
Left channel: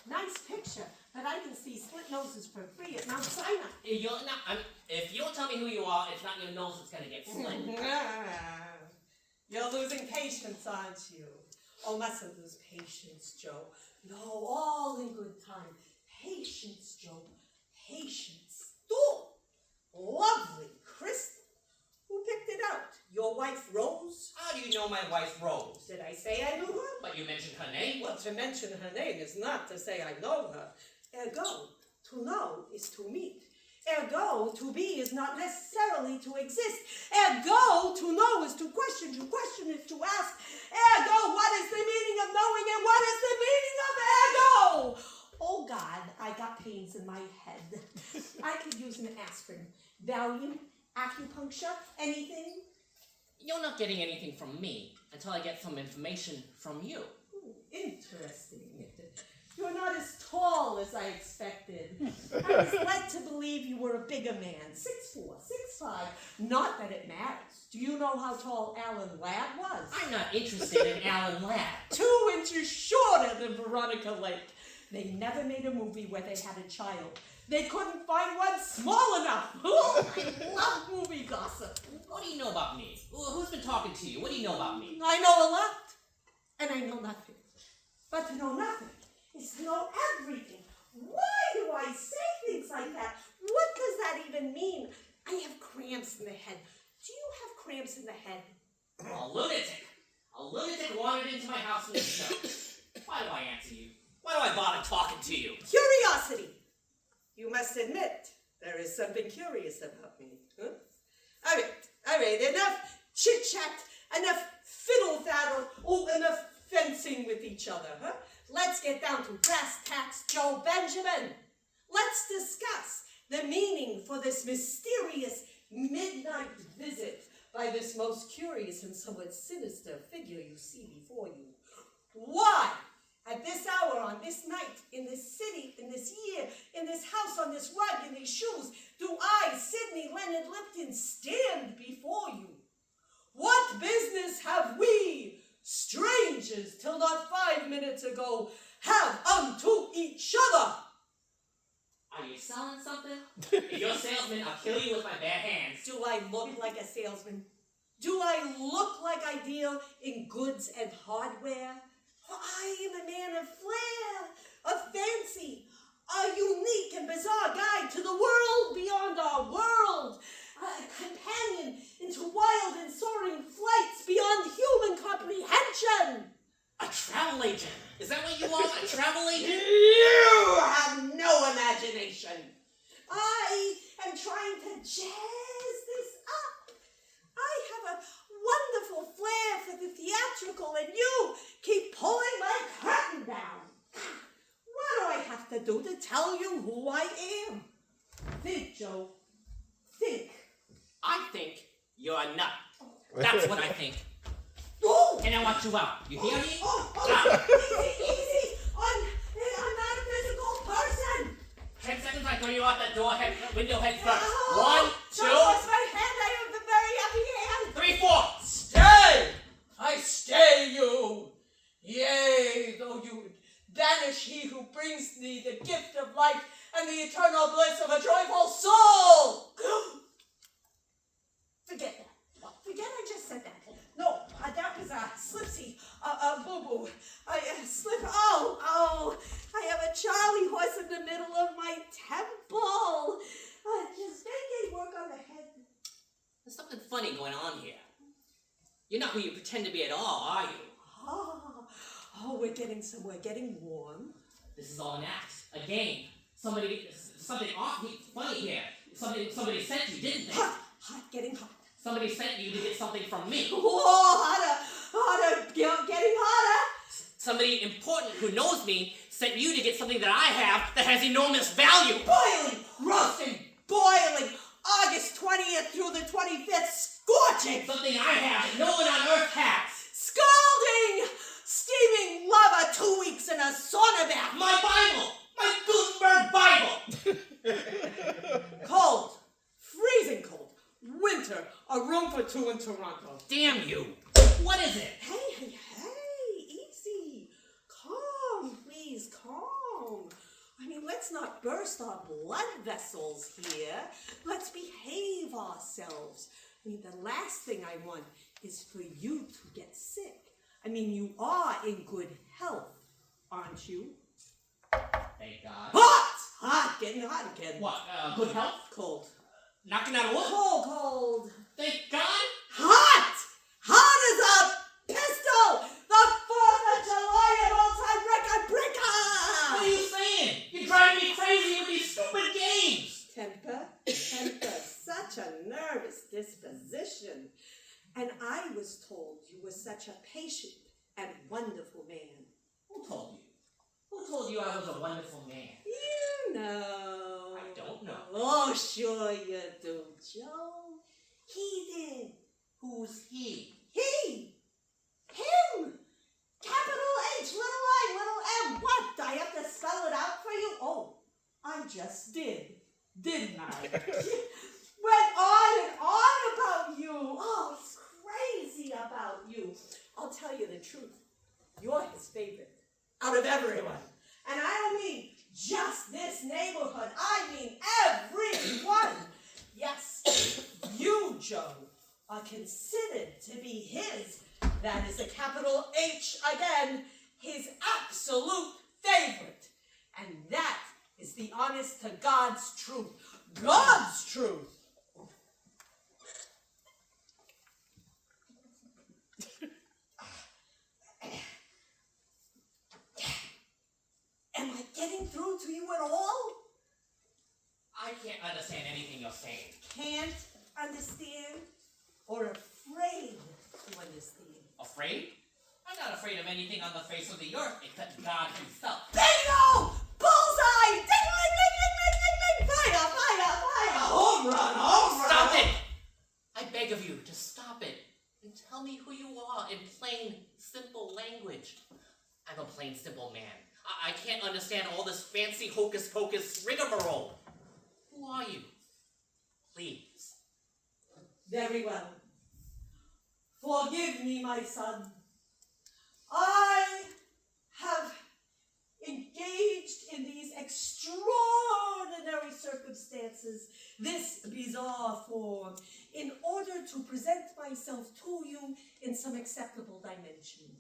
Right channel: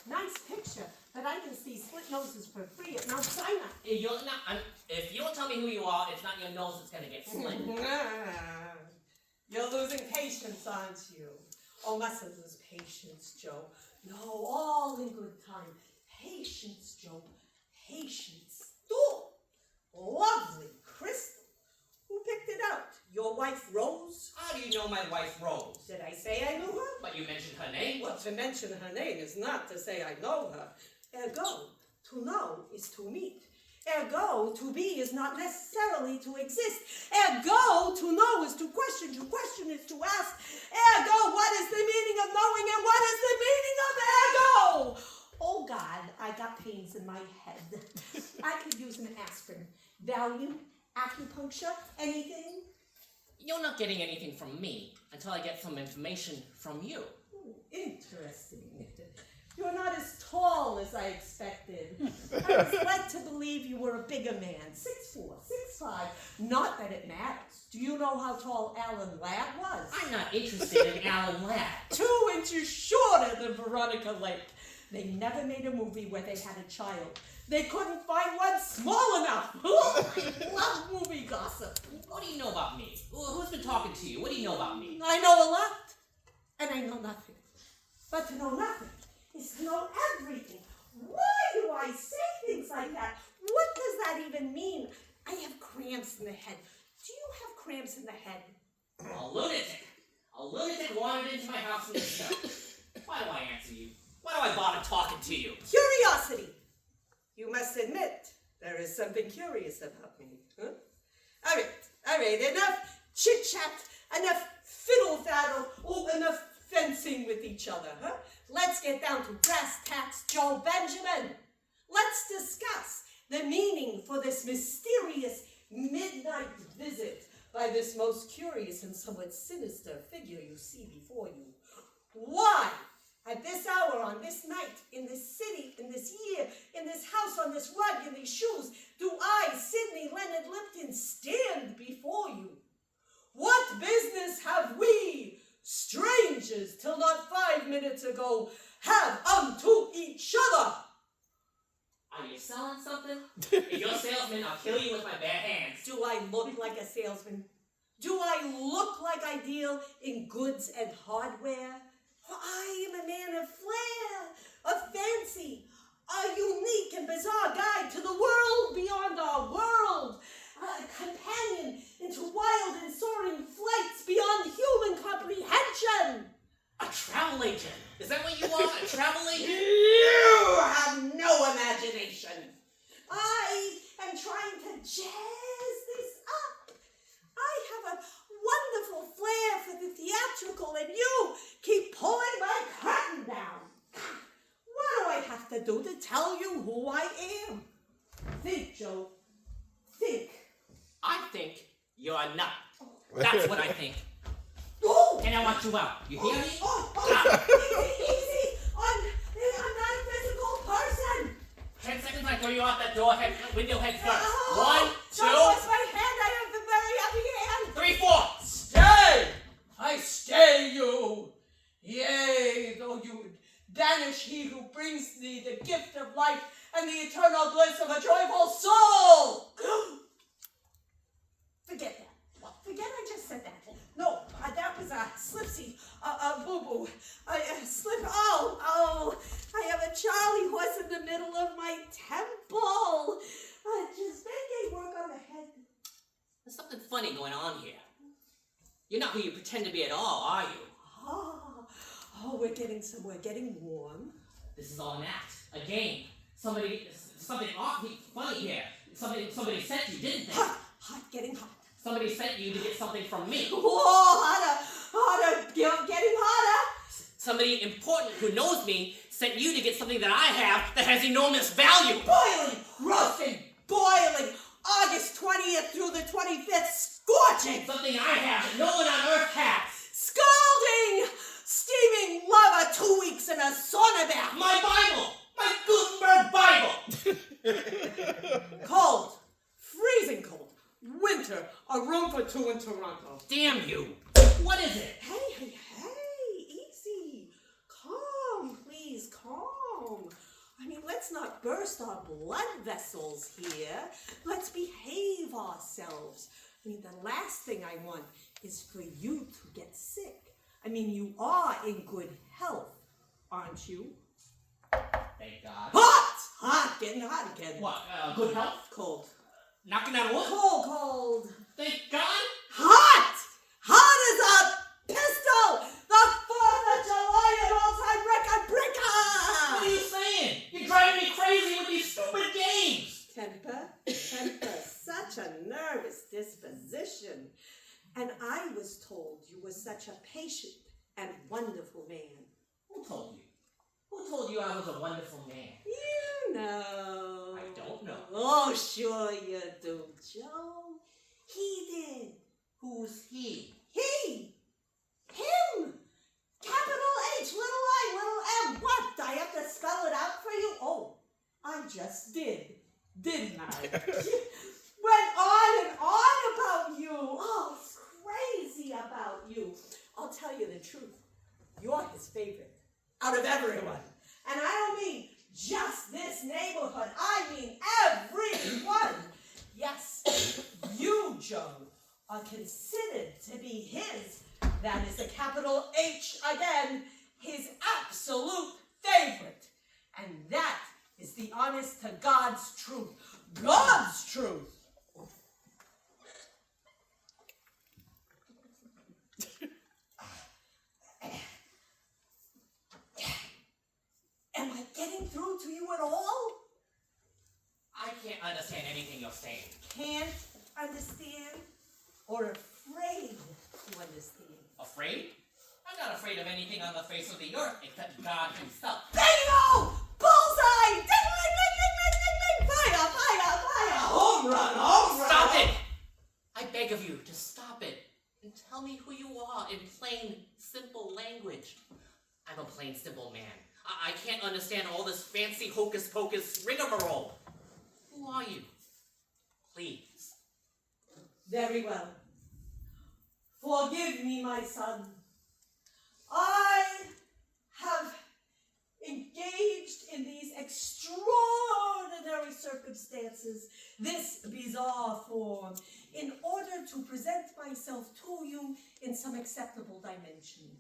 Nice picture, but I can see slit noses for free at Mount Sinai. If you don't tell me who you are, it's not your nose that's gonna get slit. You're losing patience, aren't you? Oh, mustn't lose patience, Joe. No, all in good time. Patience, Joe. Patience. Oh, lovely crystal. Who picked it out? Your wife, Rose? How do you know my wife, Rose? Did I say I knew her? But you mentioned her name. Well, to mention her name is not to say I know her. Ergo, to know is to meet. Ergo, to be is not necessarily to exist. Ergo, to know is to question is to ask. Ergo, what is the meaning of knowing and what is the meaning of ergo? Oh God, I got pains in my head. I could use an aspirin. Valium, acupuncture, anything? You're not getting anything from me until I get some information from you. Ooh, interesting. You're not as tall as I expected. I was led to believe you were a bigger man, 6'4", 6'5". Not that it matters. Do you know how tall Alan Ladd was? I'm not interested in Alan Ladd. 2 inches shorter than Veronica Lake. They never made a movie where they had a child. They couldn't find one small enough. I love movie gossip. What do you know about me? Who's been talking to you? What do you know about me? I know a lot, and I know nothing. But to know nothing is to know everything. Why do I say things like that? What does that even mean? I have cramps in the head. Do you have cramps in the head? A lunatic. A lunatic wandered into my house in the snow. Why do I answer you? Why do I bother talking to you? Curiosity. You must admit, there is something curious about me. Huh? All right, enough chit-chat, enough fiddle-faddle, enough fencing with each other, huh? Let's get down to brass tacks, Joe Benjamin. Let's discuss the meaning for this mysterious midnight visit by this most curious and somewhat sinister figure you see before you. Why, at this hour, on this night, in this city, in this year, in this house, on this rug, in these shoes, do I, Sidney Leonard Lipton, stand before you? What business have we, strangers till not 5 minutes ago have unto each other. Are you selling something? If you're a salesman, I'll kill you with my bare hands. Do I look like a salesman? Do I look like I deal in goods and hardware? I am a man of flair, of fancy, a unique and bizarre guide to the world beyond our world, a companion into wild and soaring flights beyond human comprehension. A travel agent. Is that what you are? A travel agent? You have no imagination. I am trying to jazz this up. I have a wonderful flair for the theatrical, and you keep pulling my curtain down. What do I have to do to tell you who I am? Think, Joe. Think. I think you're a nut. That's what I think. Oh! And I want you out. You hear me? Oh, easy. I'm not a physical person. 10 seconds, I throw you out that door, window head first. Oh, 1, 2, Don't touch my hand. I have a very happy hand. 3, 4. Stay! I stay you! Yea, though you would banish he who brings thee the gift of life and the eternal bliss of a joyful soul! Forget that. Forget I just said that. No, that was a slipsy, a boo-boo. I slip. Oh, I have a Charlie horse in the middle of my temple. Just make work on the head. There's something funny going on here. You're not who you pretend to be at all, are you? Oh, we're getting somewhere. Getting warm. This is all an act, a game. Something awfully funny here. Somebody sent you, didn't they? Hot, getting hot. Somebody sent you to get something from me. Oh, hotter, getting hotter. Somebody important who knows me sent you to get something that I have that has enormous value. Boiling, roasting, boiling. August 20th through the 25th, scorching. Something I have that no one on earth has. Scalding, steaming lava, 2 weeks in a sauna bath. My Bible! My Gutenberg Bible! Cold, freezing cold. Winter, a room for 2 in Toronto. Damn you! What is it? Hey, easy. Calm, please, calm. I mean, let's not burst our blood vessels here. Let's behave ourselves. I mean, the last thing I want is for you to get sick. I mean, you are in good health, aren't you? Thank God. Hot, getting hot again. What, good health? Cold. Knocking out wood? Cold. Thank God? Hot as a pistol! The 4th of July, an all-time record breaker! What are you saying? You're driving me crazy with these stupid games! Temper, such a nervous disposition. And I was told you were such a patient and wonderful man. Who told you? Who told you I was a wonderful man? You know. I don't know. Oh, sure you do, Joe. He did. Who's he? He! Him! Capital H, little I, little M. What? Do I have to spell it out for you? Oh, I just did. Didn't I? Went on and on about you. Oh, it's crazy about you. I'll tell you the truth. You're his favorite out of everyone. And I don't mean just this neighborhood. I mean everyone. Yes, you, Joe, are considered to be his. That is the capital H again, his absolute favorite. And that is the honest to God's truth. God's truth. Am I getting through to you at all? I can't understand anything you're saying. Can't understand or afraid to understand? Afraid? I'm not afraid of anything on the face of the earth except God himself. Bingo! Bullseye! Ding, ding, ding, ding, ding, ding, ding! Fire, fire, fire! Home run, home run! Stop it! I beg of you to stop it and tell me who you are in plain, simple language. I'm a plain, simple man. I can't understand all this fancy hocus-pocus rigmarole. Who are you? Please. Very well. Forgive me, my son. I have engaged in these extraordinary circumstances, this bizarre form, in order to present myself to you in some acceptable dimension.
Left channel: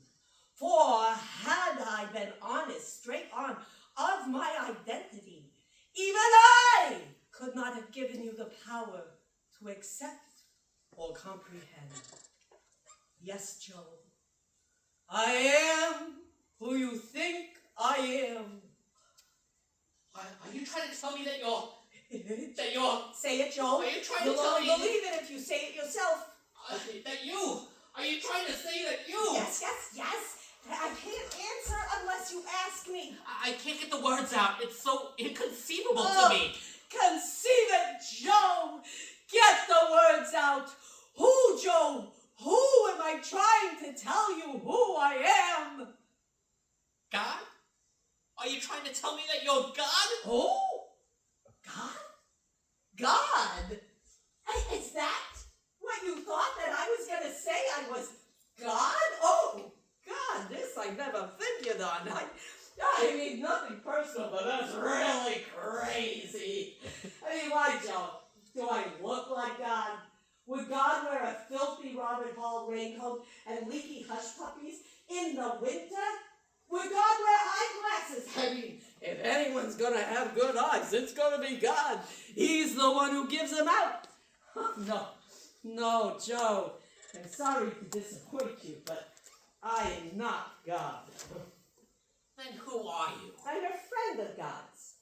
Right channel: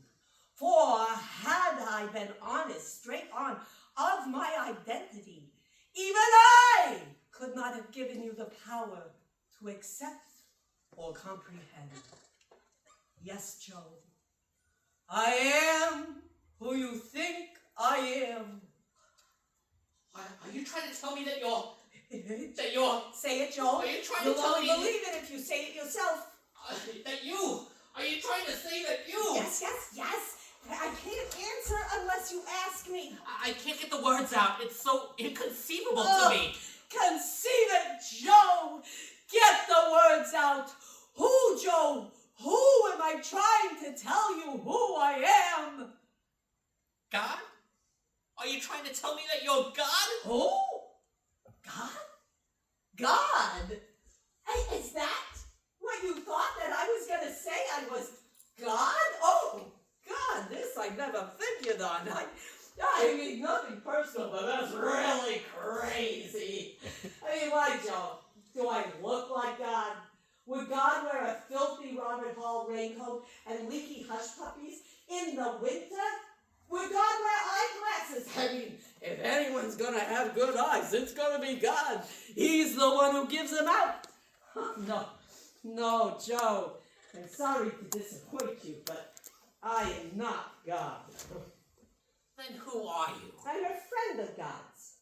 For had I been honest, straight on, of my identity, even I could not have given you the power to accept or comprehend. Yes, Joe, I am who you think I am. Are you trying to tell me that you're Say it, Joe. Are you trying You'll to tell only me believe it if you say it yourself. that you? Are you trying to say that you? Yes. I can't answer unless you ask me. I can't get the words out. It's so inconceivable Oh. to me. Conceive it, Joe. Get the words out. Who, Joe? Who am I trying to tell you who I am? God? Are you trying to tell me that you're God? Who? God? God? Is that what you thought that I was going to say? I was God? Oh, God, this I never figured on. I mean, nothing personal, but that's really crazy. I mean, why, Joe? Do I look like God? Would God wear a filthy Robert Hall raincoat and leaky hush puppies in the winter? Would God wear eyeglasses? I mean, if anyone's gonna have good eyes, it's gonna be God. He's the one who gives them out. No, Joe. I'm sorry to disappoint you, but I am not God. Then who are you? I'm a friend of God's.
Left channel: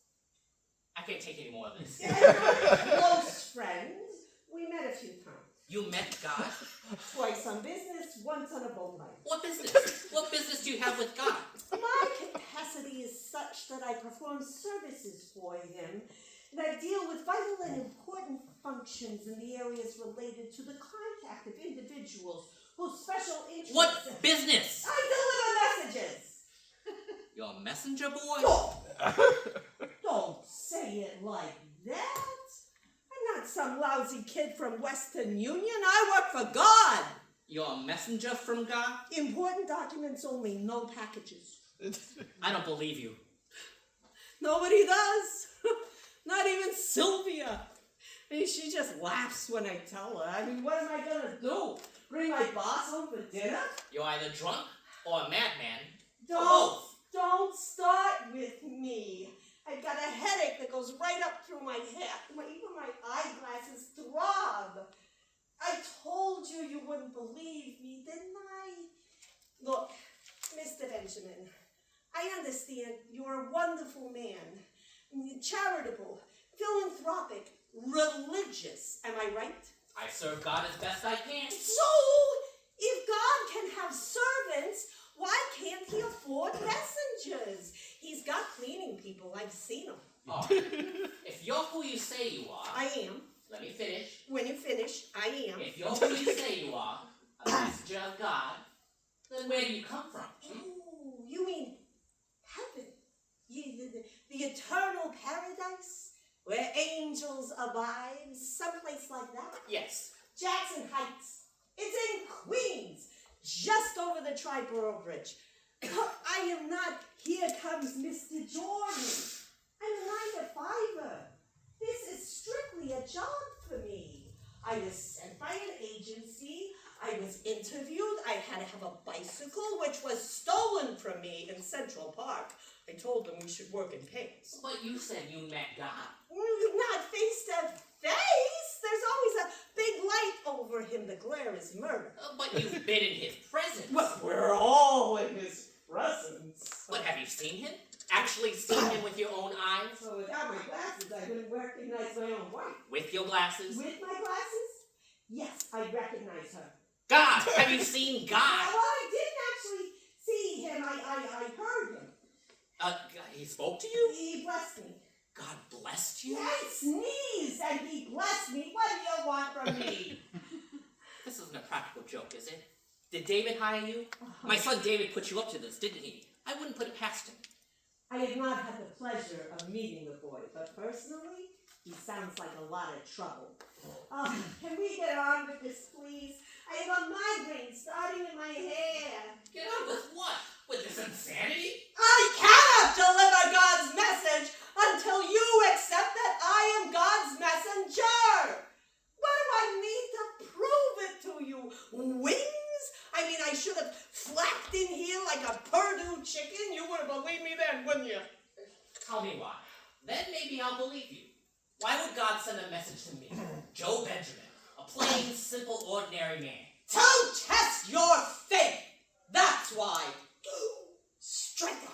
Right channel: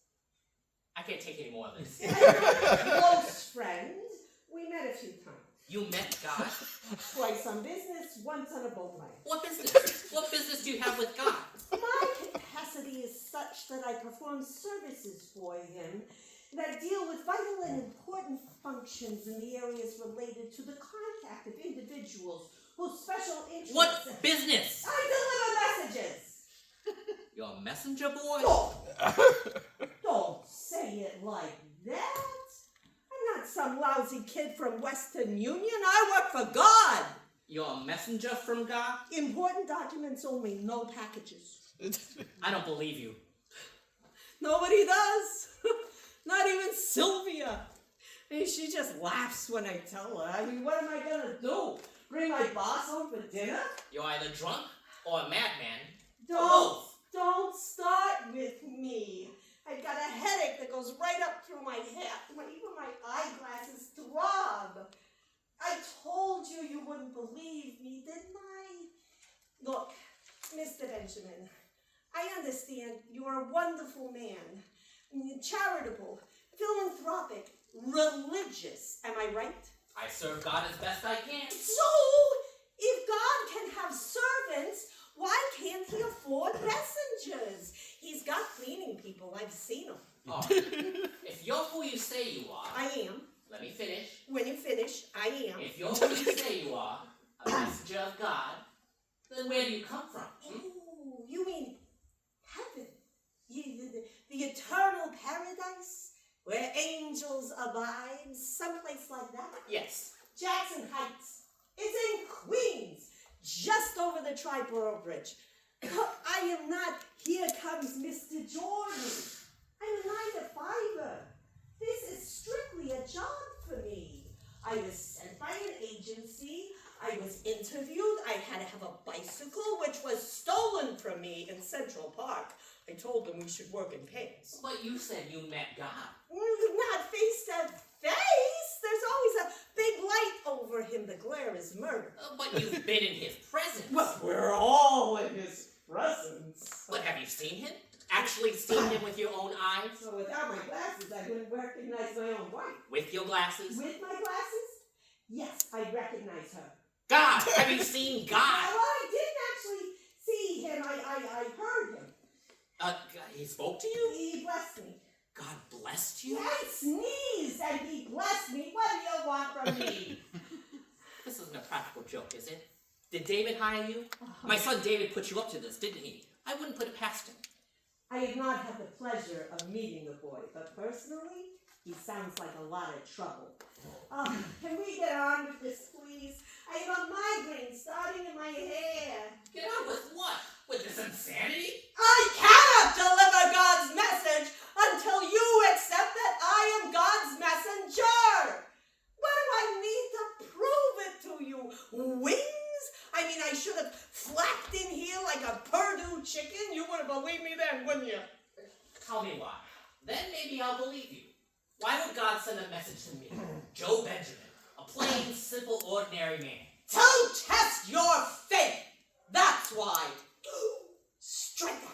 I can't take any more of this. I'm a close friend. We met a few times. You met God? Twice on business, once on a boat ride. What business? What business do you have with God? My capacity is such that I perform services for him that deal with vital and important functions in the areas related to the contact of individuals whose special interests... What business? I deliver messages! You're a messenger boy? Don't say it like that. I'm not some lousy kid from Western Union. I work for God. You're a messenger from God? Important documents only, no packages. I don't believe you. Nobody does. Not even Sylvia. I mean, she just laughs when I tell her. I mean, what am I gonna do? Bring my boss home for dinner? You're either drunk or a madman. Or both. Don't start with me. I've got a headache that goes right up through my head. Even my eyeglasses throb. I told you you wouldn't believe me, didn't I? Look, Mr. Benjamin, I understand you're a wonderful man. Charitable, philanthropic, religious. Am I right? I serve God as best I can. So, if God can have servants, why can't he afford messengers? He's got cleaning people. I've seen them. Oh, if you're who you say you are, I am. let me finish. When you finish, I am. If you're who you say you are, a messenger of God, then where do you come from? Oh, you mean heaven? The eternal paradise? Where angels abide? Someplace like that? Yes. Jackson Heights. It's in Queens. Just over the Triborough Bridge. I am not, here comes Mr. Jordan. I'm a 9-to-5er. This is strictly a job for me. I was sent by an agency. I was interviewed. I had to have a bicycle, which was stolen from me in Central Park. I told them we should work in pairs. But you said you met God. Not face to face. There's always a big light over him. The glare is murder. But you've been in his presence. Well, we're all in his presence. But have you seen him? Actually seen him with your own eyes? So without my glasses, I wouldn't recognize my own wife. With your glasses? With my glasses? Yes, I recognize her. God! Have you seen God? Well, I didn't actually see him. I heard him. He spoke to you? He blessed me. God blessed you? I sneezed and he blessed me. What do you want from me? This isn't a practical joke, is it? Did David hire you? My son David put you up to this, didn't he? I wouldn't put it past him. I have not had the pleasure of meeting the boy, but personally, he sounds like a lot of trouble. Can we get on with this, please? I have a migraine starting in my hair. Get on with what? With this insanity? I cannot deliver God's message until you accept that I am God's messenger. What do I need to prove it to you? Wings? I mean, I should have flapped in here like a Purdue chicken. You would have believed me then, wouldn't you? Tell me why. Then maybe I'll believe you. Why would God send a message to me, Joe Benjamin, a plain, simple, ordinary man? To test your faith. That's why. Strike that.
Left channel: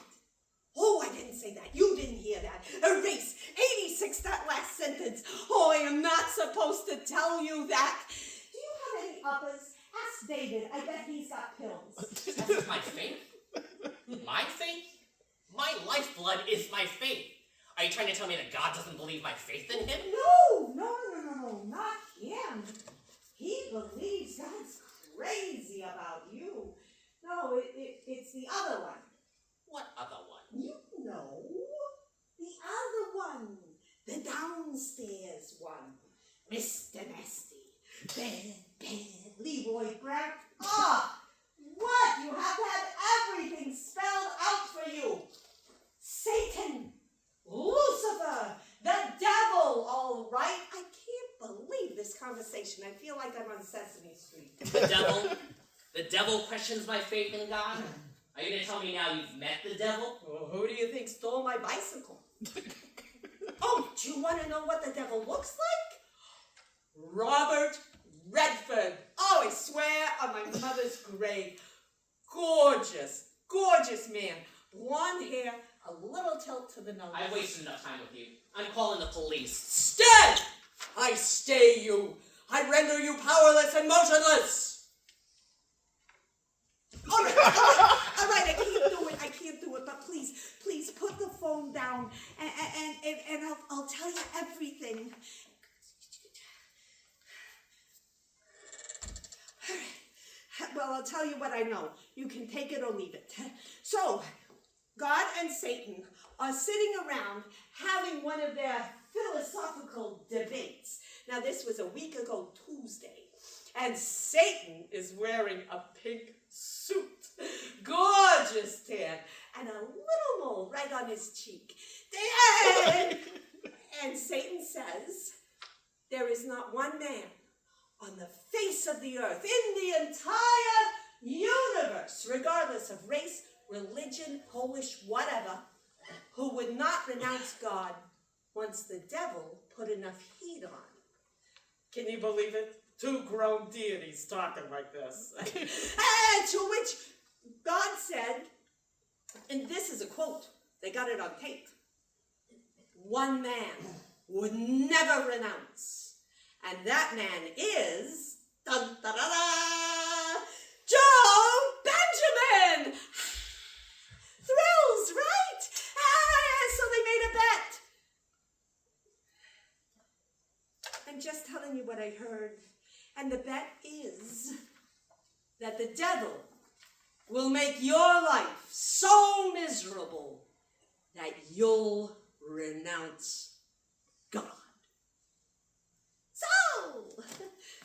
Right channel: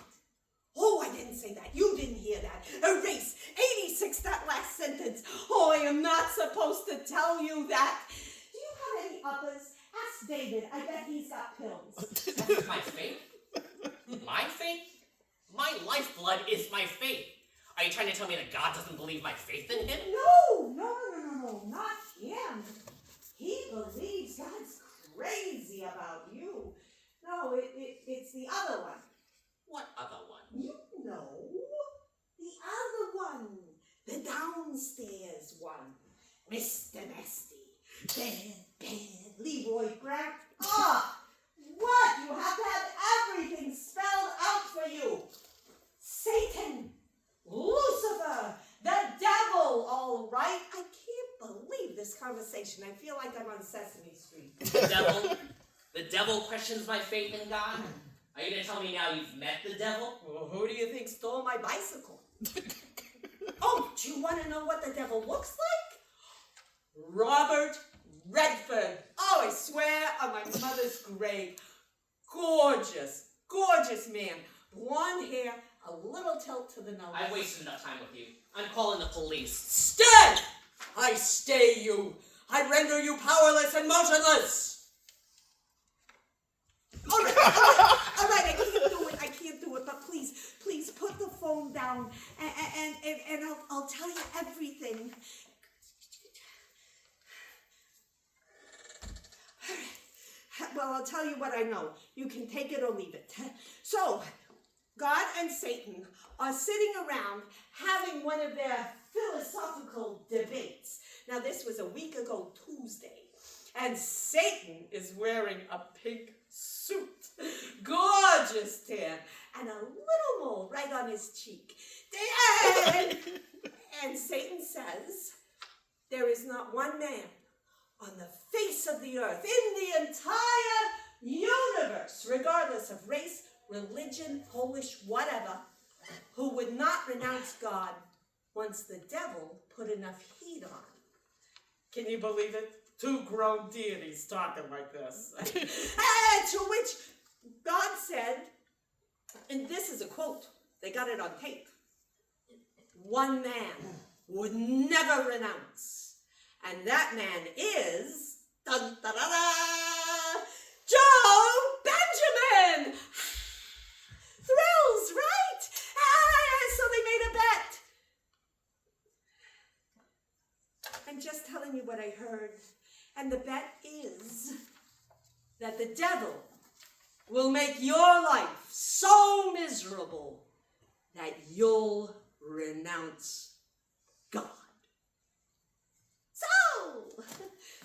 Oh, I didn't say that. You didn't hear that. Erase. 86, that last sentence. Oh, I am not supposed to tell you that. Do you have any uppers? Ask David. I bet he's got pills. That's my faith? My faith? My lifeblood is my faith. Are you trying to tell me that God doesn't believe my faith in him? No, not him. He believes God's crazy about you. No, it's the other one. What other one? You know, the other one. The downstairs one. Mr. Nasty. Bad, Leroy Brown. Ah! What? You have to have everything spelled out for you. Satan. Lucifer. The devil. All right. I can't believe this conversation. I feel like I'm on Sesame Street. The devil questions my faith in God? Are you going to tell me now you've met the devil? Well, who do you think stole my bicycle? Oh, do you want to know what the devil looks like? Robert Redford. Oh, I swear on my mother's grave. Gorgeous, gorgeous man. Blonde hair, a little tilt to the nose. I've wasted enough time with you. I'm calling the police. Stay! I stay you. I render you powerless and motionless. All right, I can't do it, but please put the phone down and I'll tell you everything. All right. Well, I'll tell you what I know. You can take it or leave it. So, God and Satan are sitting around having one of their philosophical debates. Now, this was a week ago Tuesday, and Satan is wearing a pink suit, gorgeous tan, and a little mole right on his cheek. And Satan says, there is not one man on the face of the earth, in the entire universe, regardless of race, religion, Polish, whatever, who would not renounce God once the devil put enough heat on. Can you believe it? Two grown deities talking like this. And to which God said, and this is a quote, they got it on tape, one man would never renounce, and that man is, dun, da, da, da, Joe Benjamin! Thrills, right? So they made a bet. I'm just telling you what I heard. And the bet is that the devil will make your life so miserable that you'll renounce God. So,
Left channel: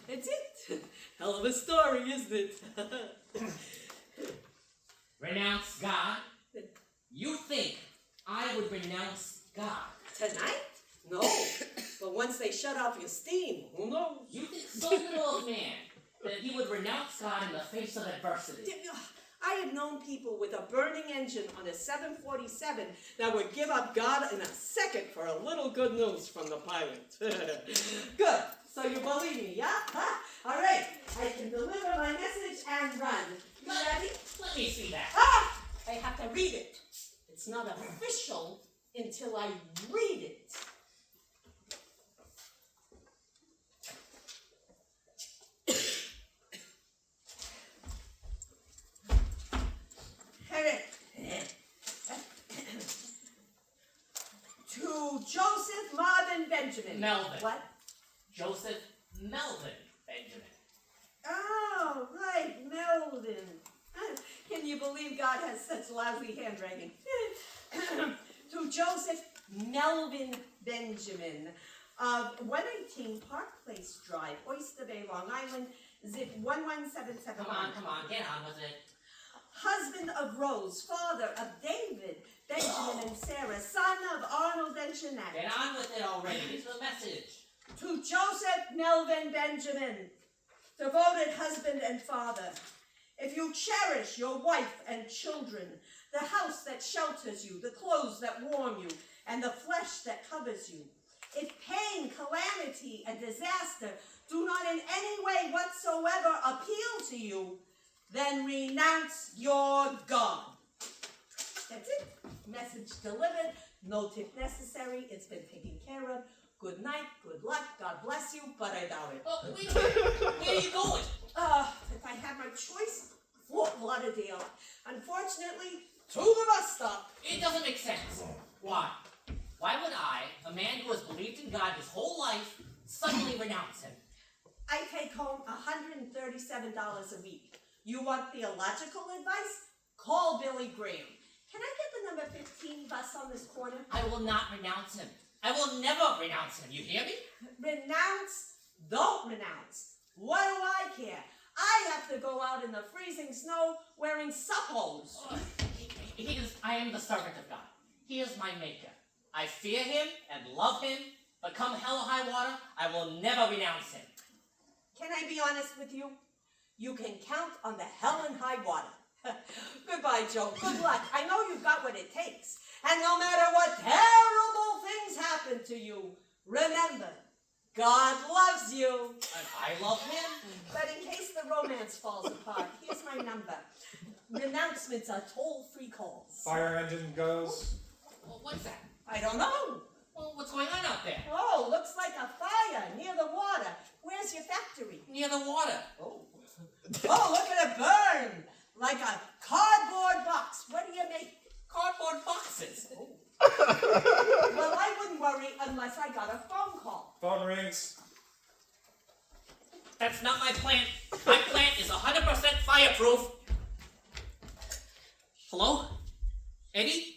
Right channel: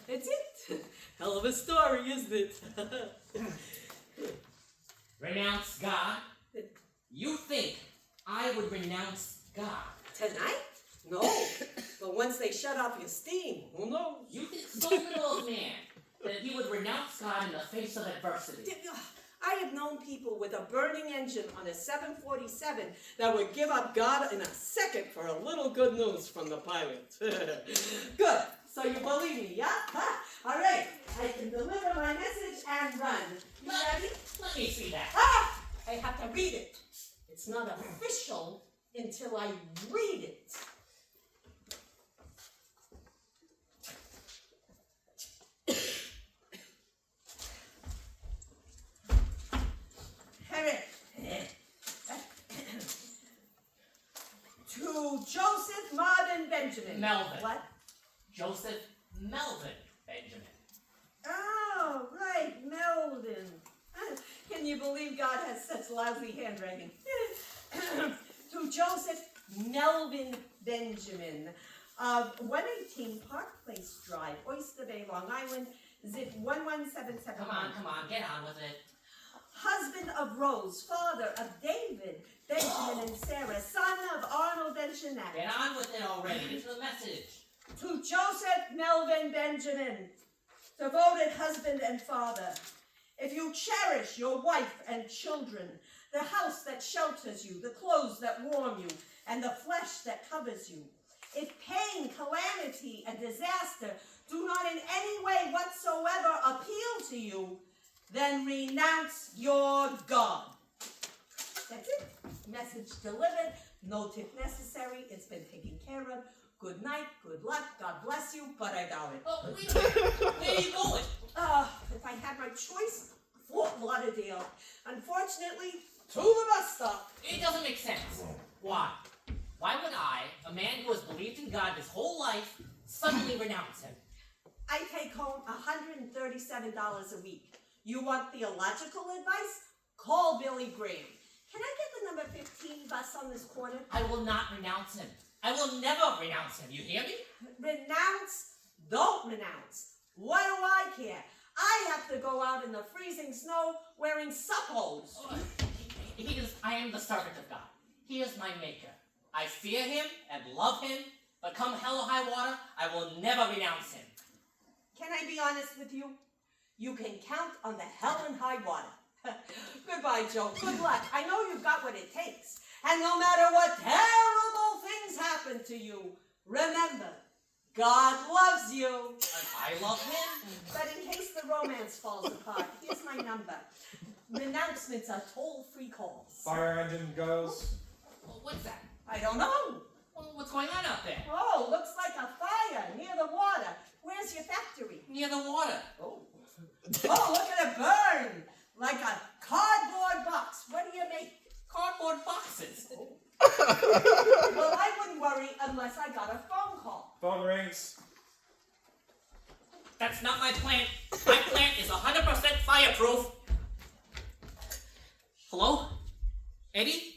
that's it. Hell of a story, isn't it? Renounce God? You think I would renounce God? Tonight? No. But once they shut off your steam, who knows? You think so little of man that he would renounce God in the face of adversity? I have known people with a burning engine on a 747 that would give up God in a second for a little good news from the pilot. Good. So you believe me, yeah? Huh? All right. I can deliver my message and run. You ready? Let me see that. Ah! I have to read it. It's not official until I read it. To Joseph Marvin Benjamin. Melvin. What? Joseph Melvin Benjamin. Oh, right, Melvin. Can you believe God has such lousy handwriting? To Joseph Melvin Benjamin of 118 Park Place Drive, Oyster Bay, Long Island, Zip 11771. Come on, get on with it. Husband of Rose, father of David, Benjamin and Sarah, son of Arnold and Jeanette. Get on with it already. Get to the message. To Joseph Melvin Benjamin, devoted husband and father. If you cherish your wife and children, the house that shelters you, the clothes that warm you, and the flesh that covers you, if pain, calamity, and disaster do not in any way whatsoever appeal to you, then renounce your God. That's it. Message delivered. No tip necessary. It's been taken care of. Good night. Good luck. God bless you, but I doubt it. Oh, wait a minute. Where are you going? If I had my choice, Fort Lauderdale. Unfortunately, to the bus stop. It doesn't make sense. Why? Why would I, a man who has believed in God his whole life, suddenly renounce him? I take home $137 a week. You want theological advice? Call Billy Graham. Can I get the number 15 bus on this corner? I will not renounce him. I will never renounce him. You hear me? Renounce? Don't renounce. What do I care? I have to go out in the freezing snow wearing suppos. I am the servant of God. He is my maker. I fear him and love him, but come hell or high water, I will never renounce him. Can I be honest with you? You can count on the hell and high water. Goodbye, Joe. Good luck. I know you've got what it takes. And no matter what terrible things happen to you, remember, God loves you. And I love him. But in case the romance falls apart, here's my number. Renouncements are toll-free calls. Fire engine goes. Well, what's that? I don't know. Well, what's going on out there? Oh, looks like a fire near the water. Where's your factory? Near the water. Oh, look at it burn! Like a cardboard box. What do you make? Cardboard boxes. Oh. Well, I wouldn't worry unless I got a phone call. Phone rings. That's not my plant. My plant is 100% fireproof. Hello? Eddie?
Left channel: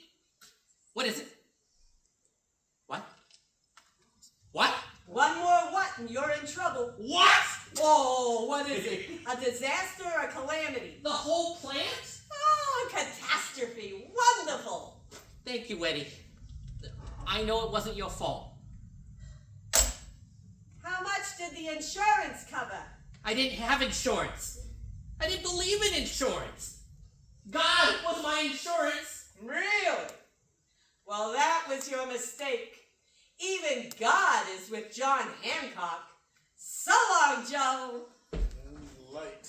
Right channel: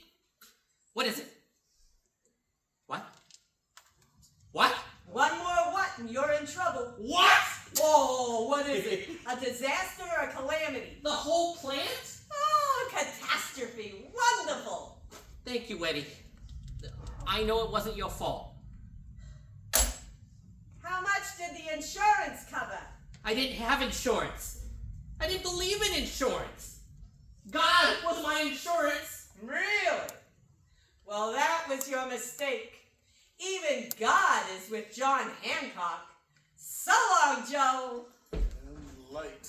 What is it? What? What? One more what and you're in trouble. What? Oh, what is it? A disaster or a calamity? The whole plant? Oh, catastrophe. Wonderful. Thank you, Eddie. I know it wasn't your fault. How much did the insurance cover? I didn't have insurance. I didn't believe in insurance. God was my insurance. Really? Well, that was your mistake. Even God is with John Hancock. So long, Joe. Light.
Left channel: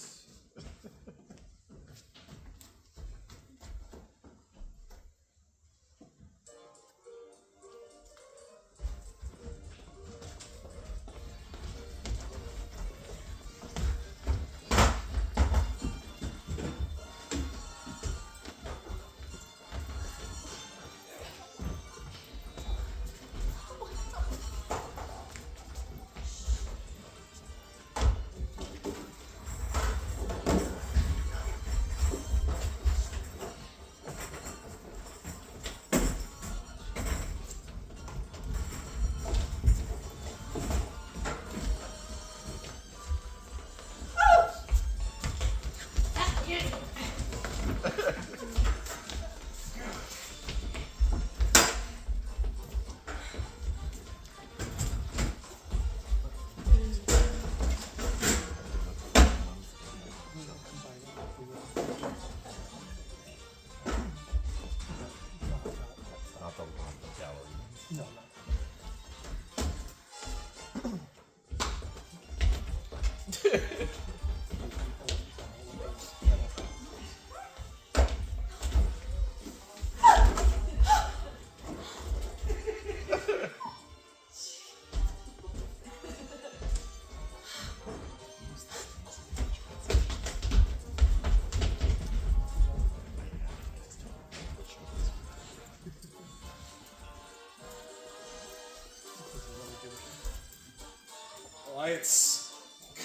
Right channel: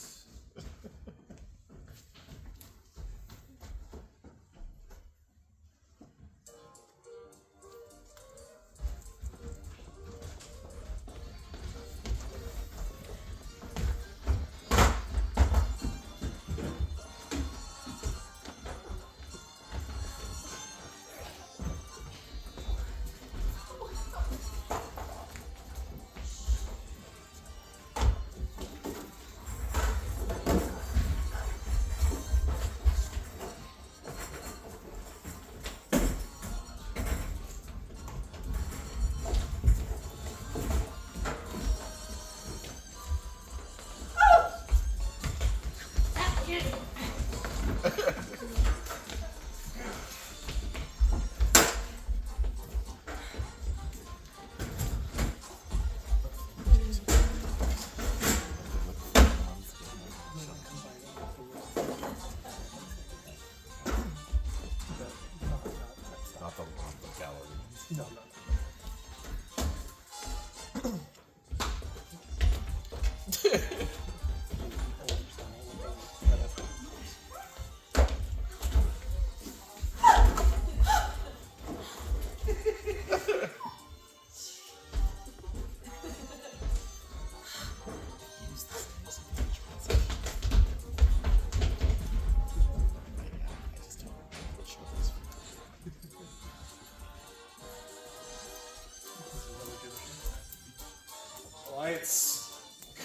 Lights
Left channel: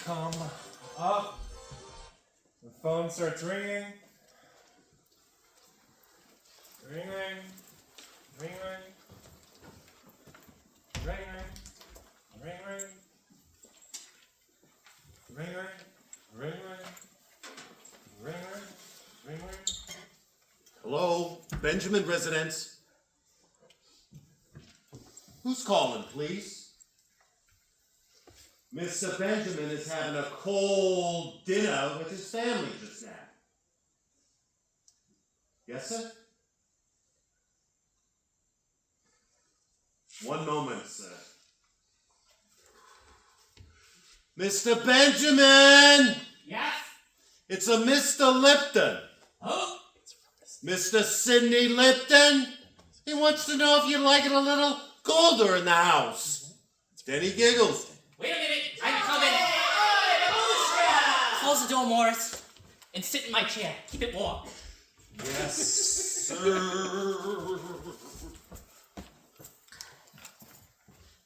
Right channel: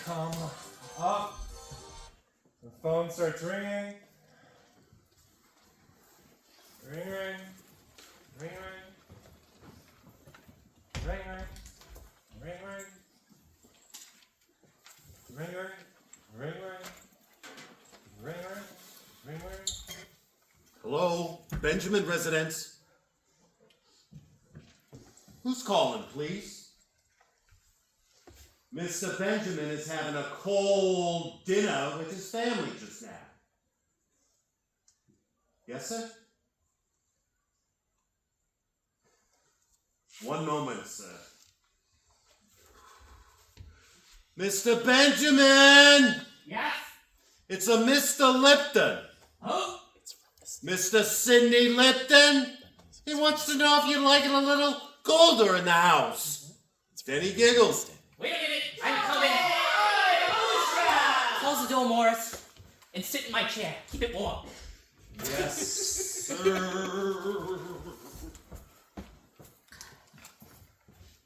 come up. The phone starts ringing. Ring, ring. Ring, ring. Ring, ring. Ring, ring. Ring, ring. Benjamin residence. Who's calling, please? Mr. Benjamin is having a cold dinner with his family just now. Yes, sir? One moment, sir. Mr. Benjamin! Yes? It's a Mr. Lipton. Who? Mr. Sidney Lipton. He wants to know if you'd like it a little colder in the house. Then he giggles. Wait a minute, I'm coming. Close the door, Morris, and sit in my chair. Keep it warm. Yes, sir.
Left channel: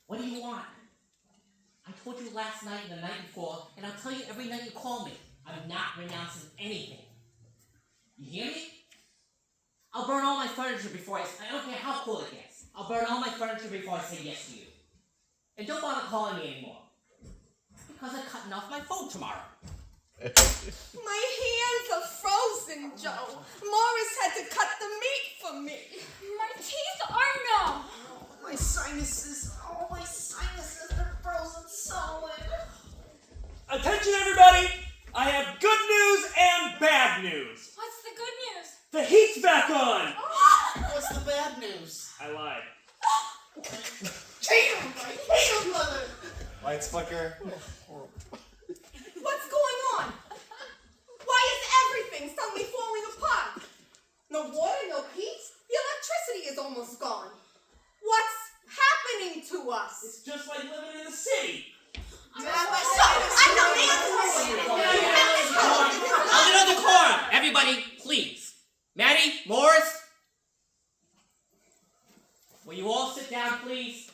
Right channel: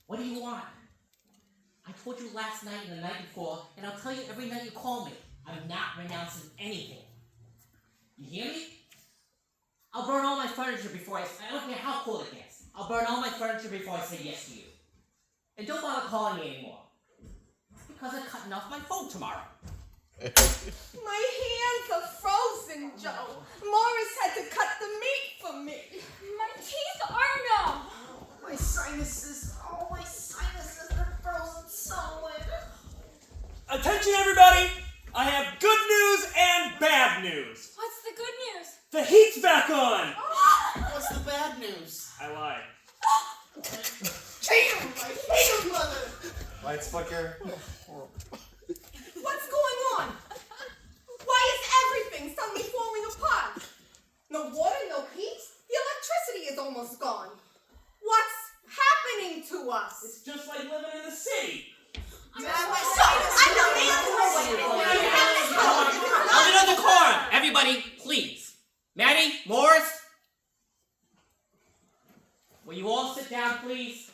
What do you want? I told you last night and the night before, and I'll tell you every night you call me. I'm not renouncing anything. You hear me? I'll burn all my furniture before I don't care how cold it gets. I'll burn all my furniture before I say yes to you. And don't bother calling me anymore. Because I'm cutting off my phone tomorrow. My hands are frozen, Joe. Morris had to cut the meat for me. My teeth are numb. My sinuses are frozen solid. Attention, everybody! I have good news and bad news. What's the good news? The heat's back on. What's the bad news? I lied. Damn, I hate him, mother. Lights flicker. What's going on? Why is everything suddenly falling apart? No water, no heat? The electricity is almost gone. What's happening to us? It's just like living in the city. A little decorum, everybody, please. Maddie, Morris, will you all sit down, please?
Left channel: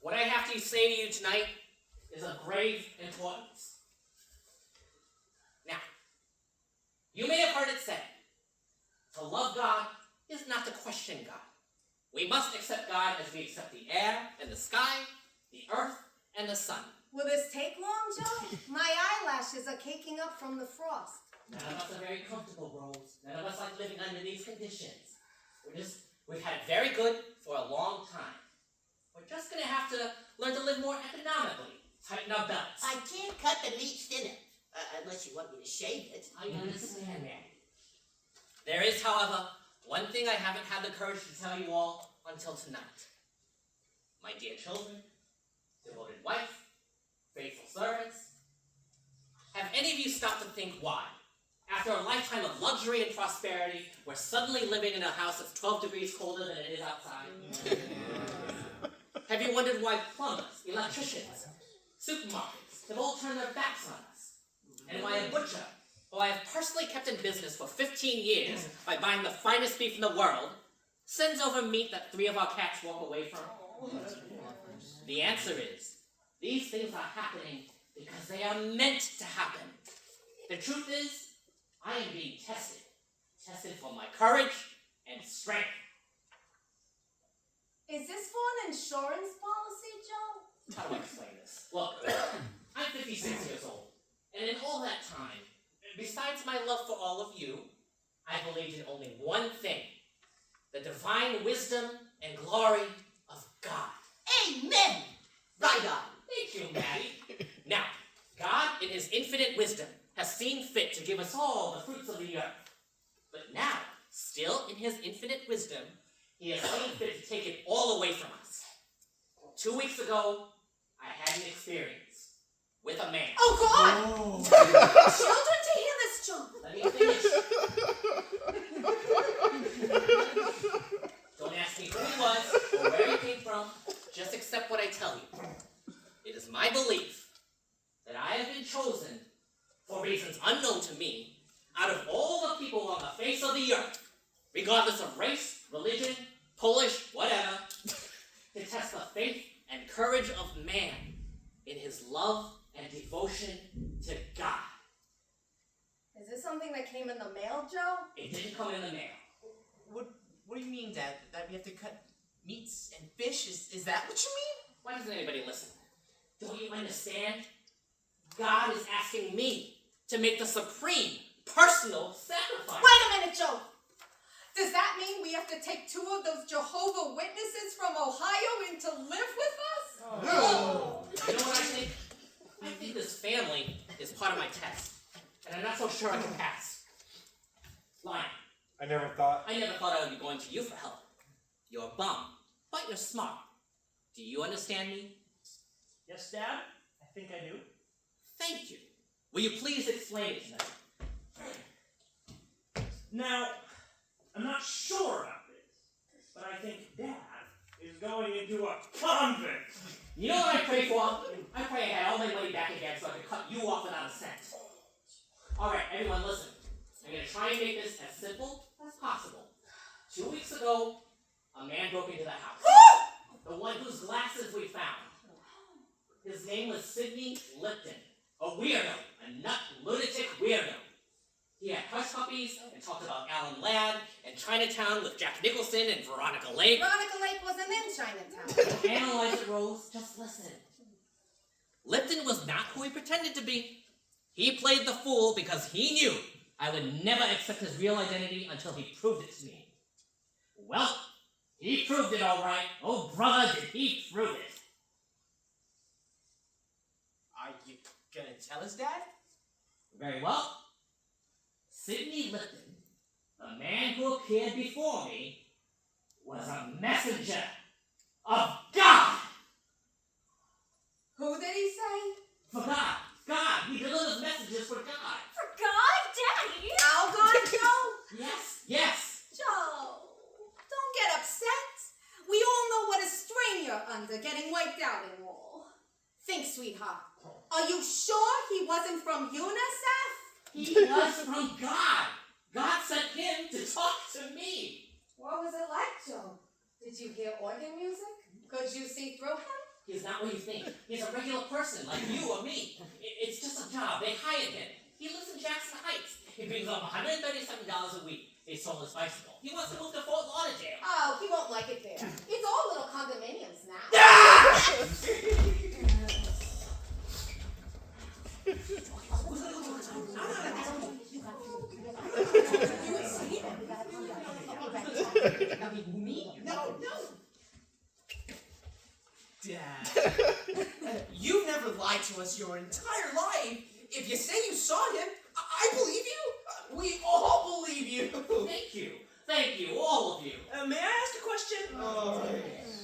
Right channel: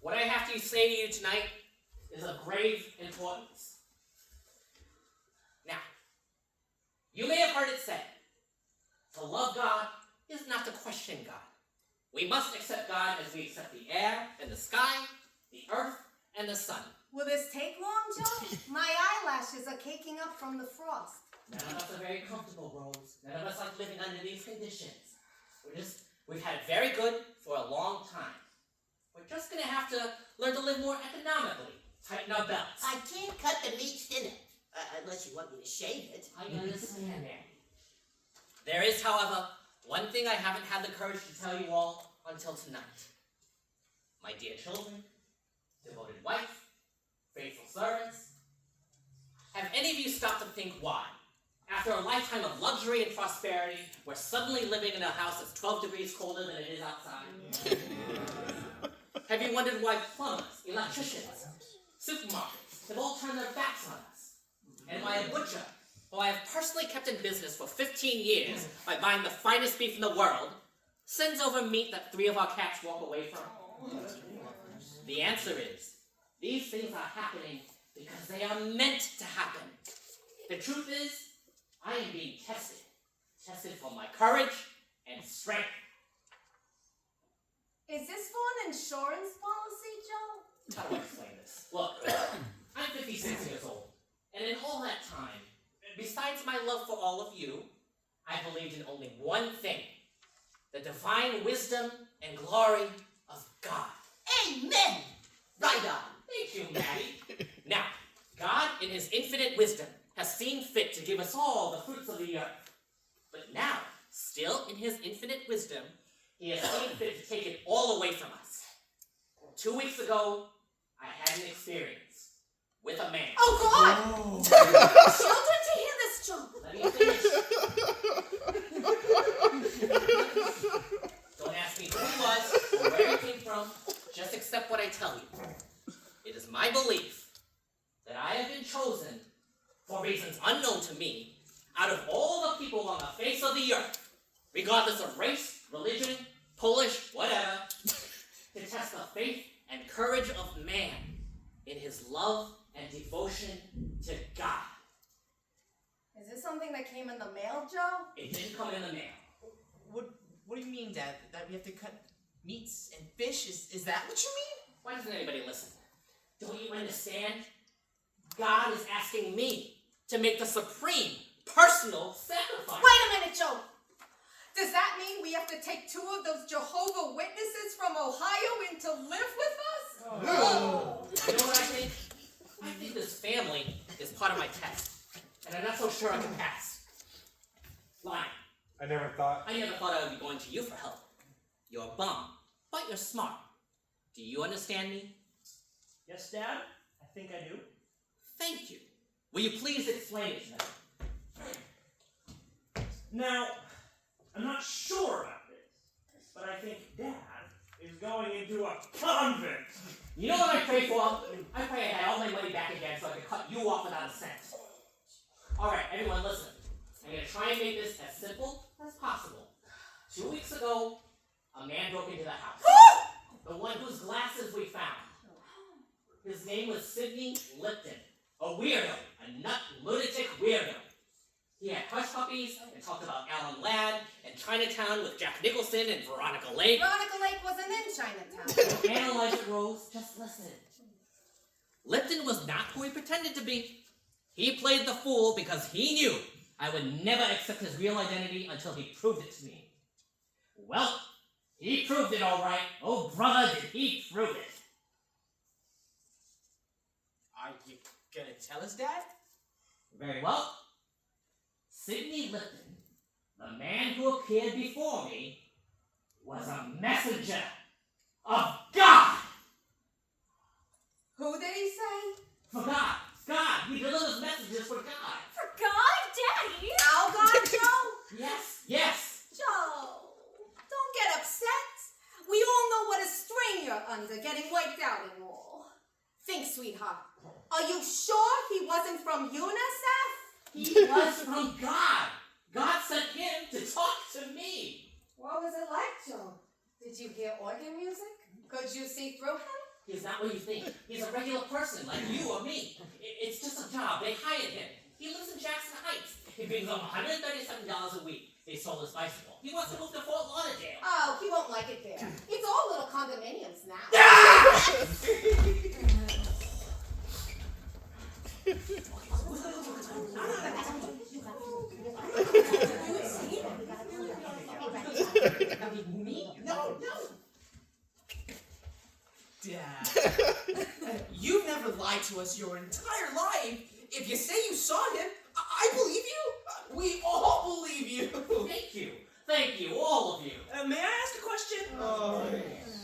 What I have to say to you tonight is of grave importance. Now, you may have heard it said, to love God is not to question God. We must accept God as we accept the air and the sky, the earth and the sun. Will this take long, Joe? My eyelashes are caking up from the frost. None of us are very comfortable, Rose. None of us like living under these conditions. We've had it very good for a long time. We're just gonna have to learn to live more economically. Tighten our belts. I can't cut the meat thinner, unless you want me to shave it. I understand, Mandy. There is, however, one thing I haven't had the courage to tell you all until tonight. My dear children, devoted wife, faithful servants, have any of you stopped to think why, after a lifetime of luxury and prosperity, we're suddenly living in a house that's 12 degrees colder than it is outside? Have you wondered why plumbers, electricians, supermarkets have all turned their backs on us? And why a butcher, who I have personally kept in business for 15 years by buying the finest beef in the world, sends over meat that 3 of our cats walk away from? The answer is, these things are happening because they are meant to happen. The truth is, I am being tested. Tested for my courage and strength. Is this for an insurance policy, Joe? How do I explain this? Look, I'm 56 years old, and in all that time, besides my love for all of you, I believed in only one thing: the divine wisdom and glory of God. Amen! Right on. Thank you, Maddie. Now, God, in his infinite wisdom, has seen fit to give us all the fruits of the earth. But now, still in his infinite wisdom, he has seen fit to take it all away from us. 2 weeks ago, I had an experience with a man. Oh, God! Children to hear this, Joe. Let me finish. Don't ask me who he was or where he came from. Just accept what I tell you. It is my belief that I have been chosen, for reasons unknown to me, out of all the people on the face of the earth, regardless of race, religion, Polish, whatever, to test the faith and courage of man in his love and devotion to God. Is this something that came in the mail, Joe? It didn't come in the mail. What do you mean, Dad? That we have to cut meats and fish? Is that what you mean? Why doesn't anybody listen? Don't you understand? God is asking me to make the supreme personal sacrifice. Wait a minute, Joe. Does that mean we have to take 2 of those Jehovah Witnesses from Ohio in to live with us? Oh. You know what I think? I think this family is part of my test, and I'm not so sure I can pass. Lion, I never thought. I never thought I would be going to you for help. You're a bum, but you're smart. Do you understand me? Yes, Dad? I think I do. Thank you. Will you please explain it to them? Now, I'm not sure about this, but I think Dad is going into a convent. You know what I pray for? I pray I had all my money back again so I could cut you off without a cent. Alright, everyone listen. I'm going to try and make this as simple as possible. 2 weeks ago, a man broke into the house. The one whose glasses we found. His name was Sidney Lipton. A weirdo. A nut lunatic weirdo. He had hush puppies and talked about Alan Ladd and Chinatown with Jack Nicholson and Veronica Lake. Veronica Lake wasn't in Chinatown. Analyze it, Rose. Just listen. Lipton was not who he pretended to be. He played the fool because he knew I would never accept his real identity until he proved it to me. Well, he proved it all right. Oh, brother, did he prove it. Are you gonna tell us, Dad? Very well. Sidney Lipton, the man who appeared before me, was a messenger of God. Who did he say? For God. God. He delivers messages for God. For God, Daddy! Algon Joe? Yes. Yes. Joe, don't get upset. We all know what a strain you're under, getting wiped out and all. Think, sweetheart. Are you sure he wasn't from UNICEF? He was from God. God sent him to talk to me. What was it like, Joe? Did you hear organ music? Could you see through him? He's not what you think. He's a regular person like you or me. It's just a job. They hired him. He lives in Jackson Heights. He brings home $137 a week. They stole his bicycle. He wants to move to Fort Lauderdale. Oh, he won't like it there. It's all little condominiums now. No. Dad. You've never lied to us your entire life. If you say you saw him, I believe you. We all believe you. Thank you. Thank you, all of you. May I ask a question? Oh,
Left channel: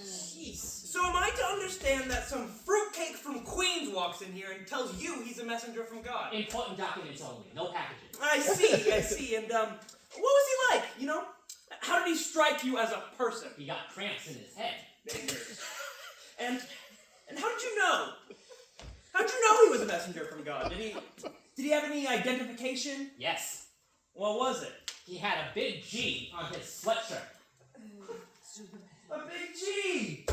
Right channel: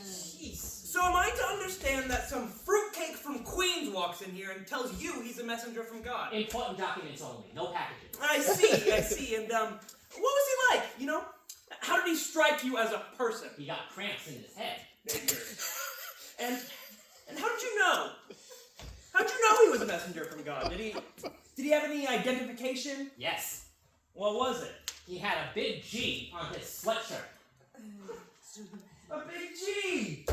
jeez. So am I to understand that some fruitcake from Queens walks in here and tells you he's a messenger from God? Important documents only. No packages. I see. And, what was he like, you know? How did he strike you as a person? He got cramps in his head. And how did you know? How did you know he was a messenger from God? Did he have any identification? Yes. What was it? He had a big G on his sweatshirt. A big G!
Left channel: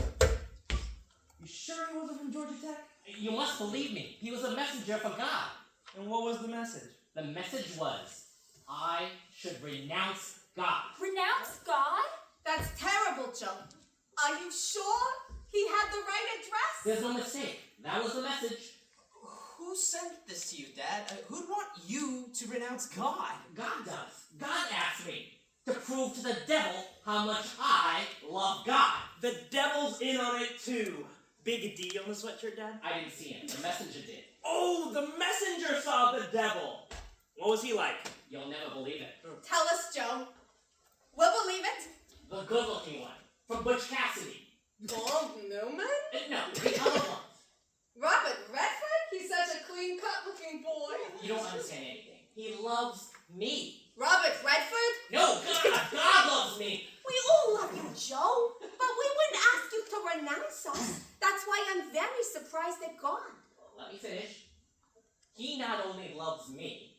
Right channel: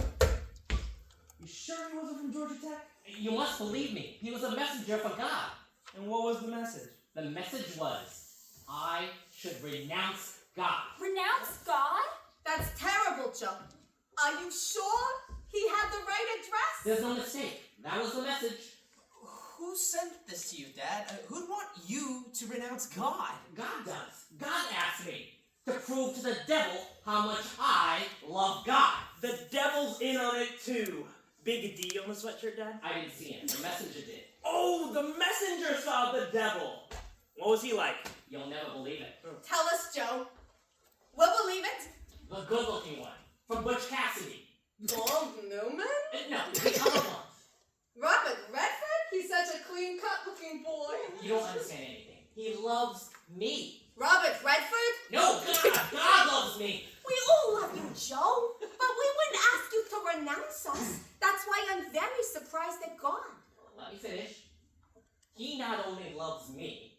You sure he wasn't from Georgia Tech? You must believe me. He was a messenger for God. And what was the message? The message was, I should renounce God. Renounce God? That's terrible, Joe. Are you sure he had the right address? There's no mistake. That was the message. Who sent this to you, Dad? Who'd want you to renounce God? God does. God asked me to prove to the devil how much I love God. The devil's in on it too. Big D on the sweatshirt, Dad? I didn't see him. The messenger did. Oh, the messenger saw the devil. What was he like? You'll never believe it. Tell us, Joe. We'll believe it. The good-looking one. From Butch Cassidy. Paul Newman? No, the other one. Robert Redford? He's such a clean-cut looking boy. You don't understand anything. He loves me. Robert Redford? No, God! God loves me! We all love you, Joe. But we wouldn't ask you to renounce us. That's why I'm very surprised at God. Let me finish. He not only loves me,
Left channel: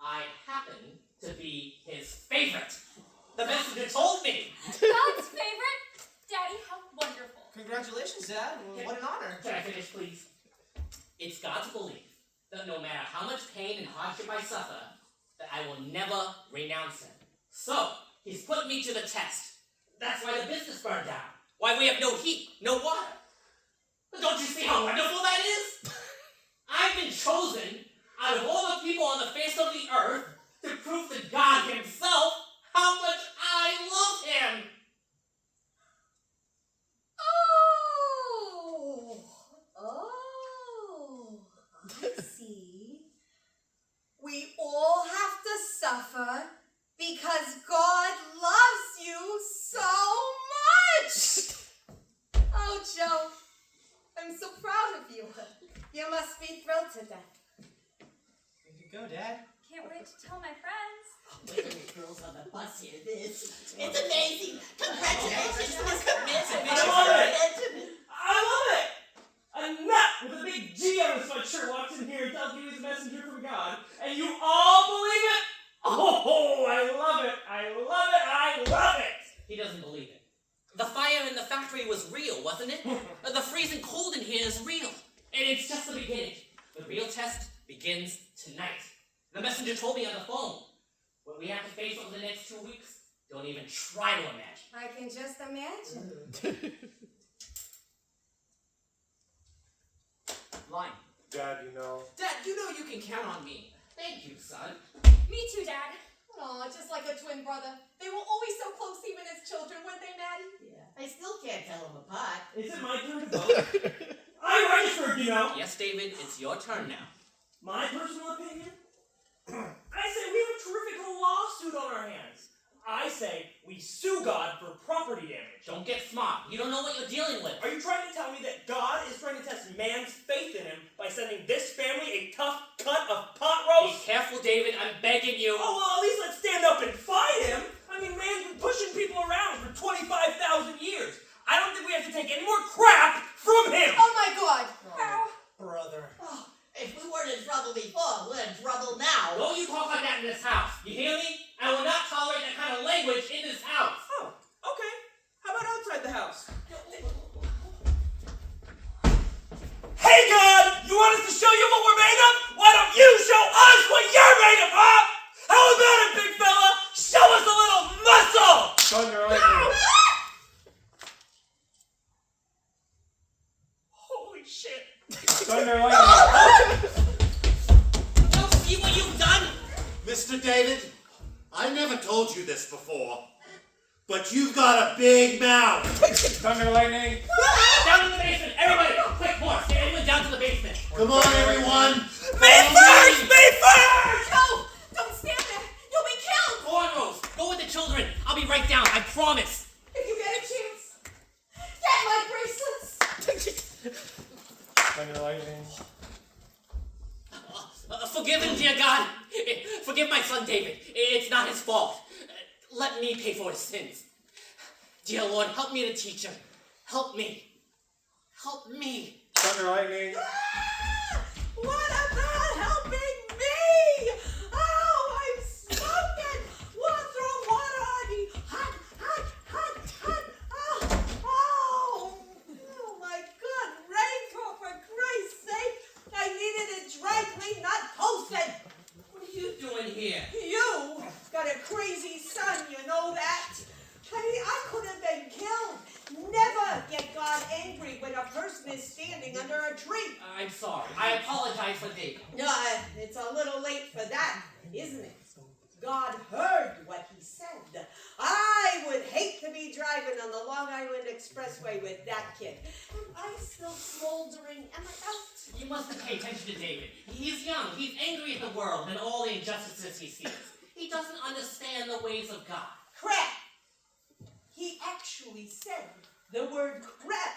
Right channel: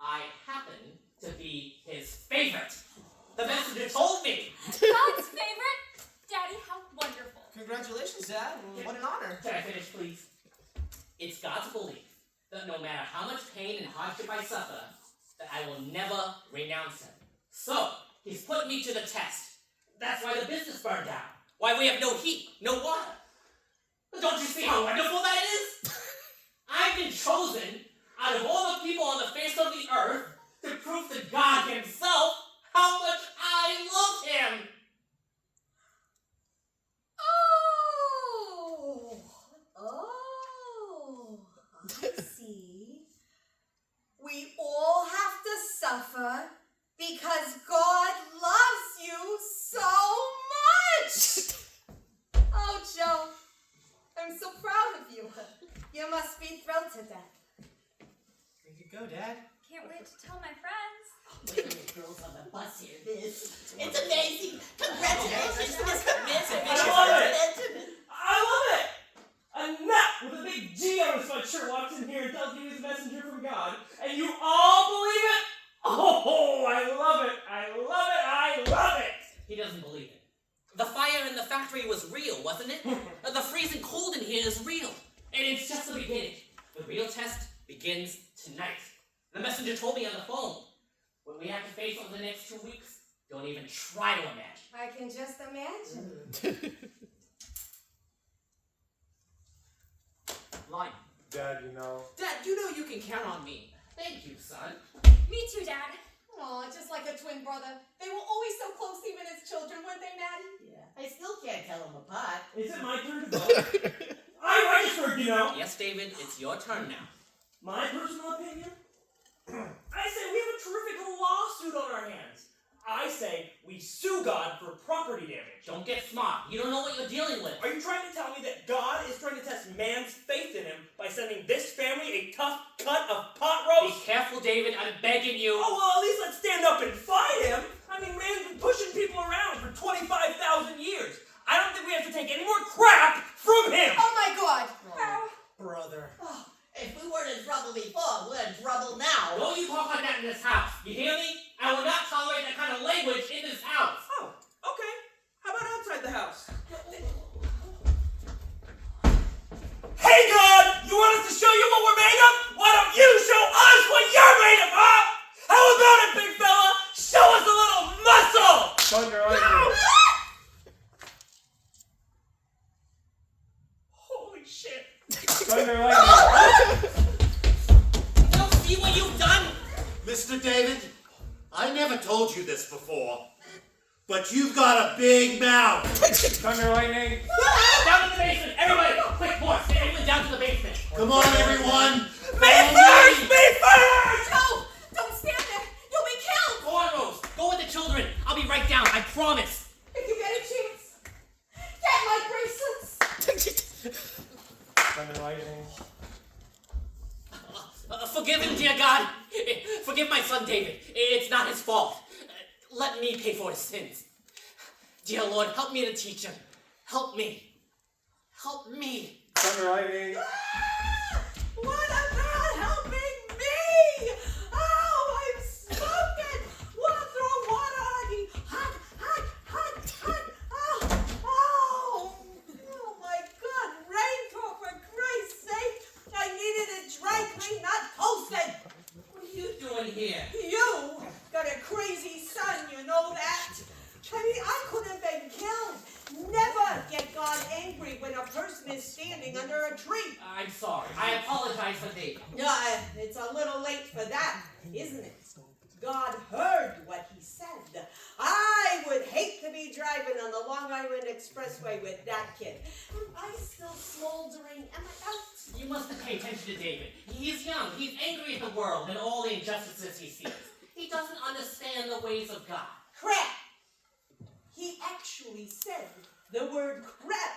I happen to be his favorite. The messenger told me. God's favorite? Daddy, how wonderful. Congratulations, Dad. What an honor. Can I finish, please? It's God's belief that no matter how much pain and hardship I suffer, that I will never renounce him. So, he's put me to the test. That's why the business burned down. Why we have no heat, no water. Don't you see how wonderful that is? I've been chosen out of all the people on the face of the earth to prove to God himself how much I love him. Oh, I see. We all have to suffer because God loves you so much. Oh, Joe, I'm so proud of you. You must be thrilled to death. Way to go, Dad. Can't wait to tell my friends. Wait till the girls on the bus hear this. It's amazing. Congratulations, Mr. Benjamin. I love it! A nut with a big G on his sweatshirt walks in here and tells you he's a messenger from God, and you all believe it? Oh, I love it! I love it! I love it! He doesn't believe it. The fire in the factory was real, wasn't it? The freezing cold in here is real. And it's just the beginning. The real test begins tonight. The messenger told me on the phone. What we have to face over the next 2 weeks, don't even try to imagine. I can just imagine. Line. Dad, Dad, you know you can count on me. Thank you, son. Me too, Dad. Aw, just like a twin brother. They were always so close even as children, weren't they, Maddie? Yeah, I still can't tell them apart. Is it my turn to vote? I registered, you know. Yes, David, it's your turn now. My personal opinion? I say we have a terrific lawsuit on our hands. I say we sue God for property damage. Don't get smart. You don't know what you're dealing with. Are you trying to tell me that God is trying to test man's faith in him by sending this family a tough cut of pot Be roast? careful, David. I'm begging you. Oh, well, at least let's stand up and fight him. I mean, man's been pushing people around for 25,000 years. I don't think we have to take any more crap from him. Oh my God! Brother. Oh, if we weren't in trouble before, we're in trouble now. Don't you talk like that in this house. You hear me? I will not tolerate that kind of language in this house. Oh, okay. How about outside the house? Hey, God! You want us to show you what we're made of? Why don't you show us what you're made of, huh? How about it, big fella? Show us a little muscle! Thunder lightning. Holy shit. Thunder lightning. Now see what you've done? Mr. David, I never told you this before, but you've got a big mouth. Thunder lightning. Down to the basement. Everybody, quick, horse. Get everyone down to the basement. Come on, everyone. Me first! Me first! Joe! Don't stand there! You'll be killed! Go on, Rose. Go with the children. I'll be right down. I promise. If you get a chance, get my bracelets! Thunder lightning. Forgive him, dear God. Forgive my son, David. It's not his fault. Let me pay for his sins. Dear Lord, help me to teach him. Help me. Help me. Thunder lightning. What about helping me? Oh, I'm smoking. Throw water on me. Hot, hot, hot, hot. Oh, my God. Raincoat, for Christ's sake. I needed it dry clean, not toasted. What are you doing here? You got a crazy son, you know that? I mean, I could have been killed. Never get God angry when a person is standing under a tree. I'm sorry. I apologize for David. No, it's a little late for that, isn't it? God heard what he said. I would hate to be driving on the Long Island Expressway with that kid. Am I still smoldering? Am I out? You must pay attention to David. He's young. He's angry at the world and all the injustices he sees. He doesn't understand the ways of God. Crap! He actually said the word crap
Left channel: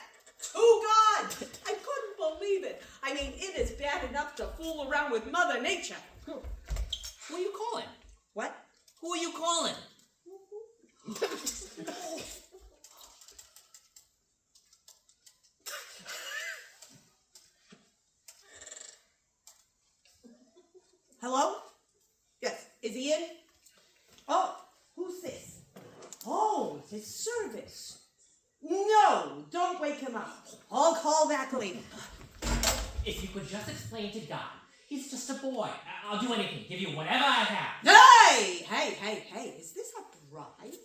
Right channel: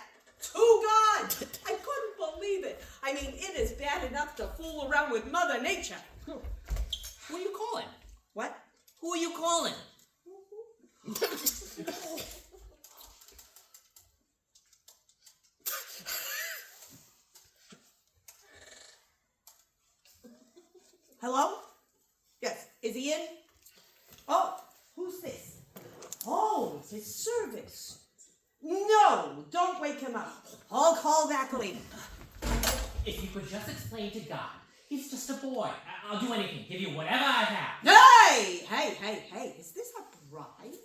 to God. I couldn't believe it. I mean, it is bad enough to fool around with Mother Nature. Who are you calling? What? Who are you calling? Hello? Yes. Is he in? Oh, who's this? Oh, it's his service. No, don't wake him up. I'll call back later. If you could just explain to God, he's just a boy. I'll do anything. Give you whatever I have. Hey, is this a bribe?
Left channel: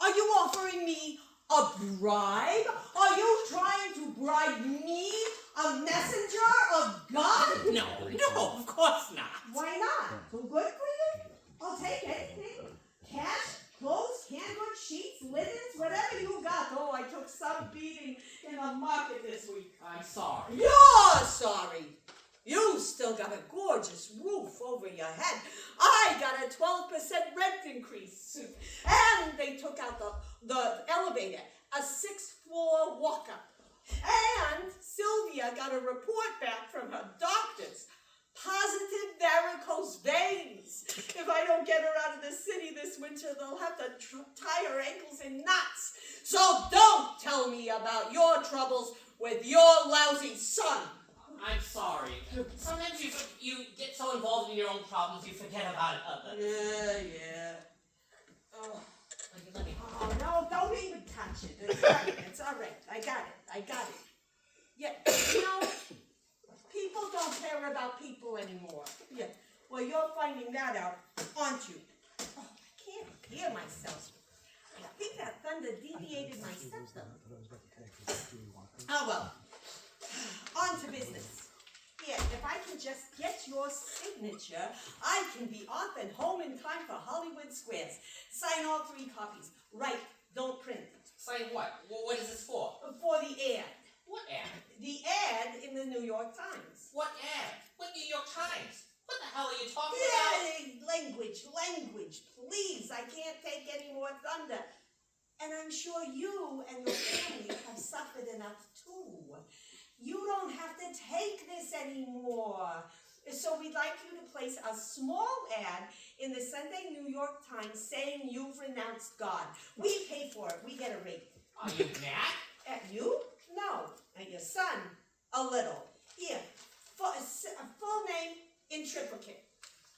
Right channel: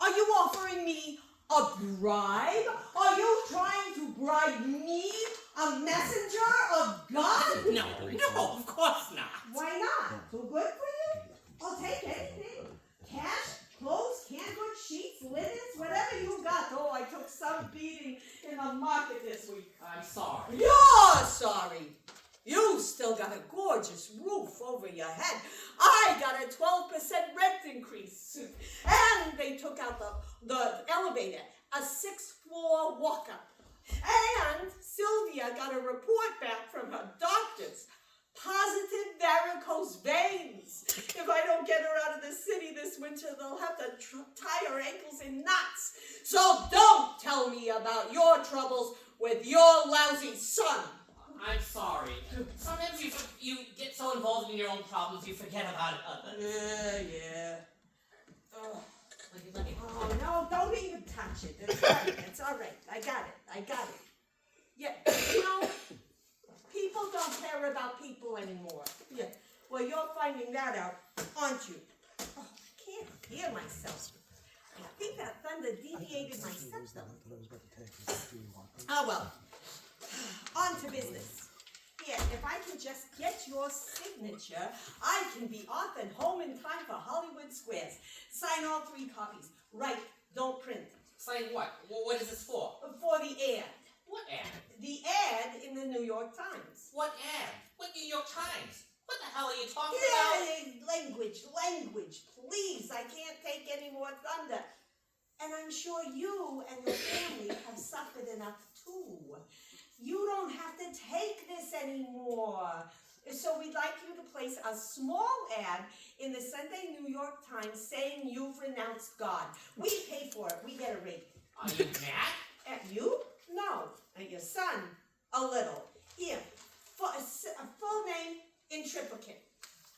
Are you offering me A bribe? Are you trying to bribe me, a messenger of God? No, of course not. Why not? Too good for you? I'll take anything. Cash, clothes, canned goods, sheets, linens, whatever you got. Oh, I took some beating in the market this week. I'm sorry. You're sorry. You still got a gorgeous roof over your head. I got a 12% rent increase. And they took out the elevator, a 6th floor walk-up. And Sylvia got a report back from her doctors. Positive varicose veins. If I don't get her out of the city this winter, they'll have to tie her ankles in knots. So don't tell me about your troubles with your lousy son. I'm sorry. Sometimes you get so involved in your own problems you forget about others. Yeah. Oh. Let me. Oh, no, don't even touch it. It's fine. It's all right. I got it. Yeah, people don't care about people anymore. Yeah, well, you're finding that out, aren't you? Oh, I can't hear myself. I think that thunder deviated my septum. Oh, well, on to business. Yeah, if I can just get your signature, I can be off and home in time for Hollywood Squares. Sign all 3 copies. Write, don't print. Sign what? What is this for? For the ad. What ad? The ad in the New York Times. What ad? What New York Times? What the hell are you talking Yeah, language, please. I can't take any more thunder. And I'm sure you and your family have suffered enough too. You don't have to take this anymore. So we'd like you to place a small ad in the Sunday New York Times saying you've renounced God. We pay for it. We get a rate. about? Are you mad? At you? No. At your son? A little. Here. A full name in triplicate.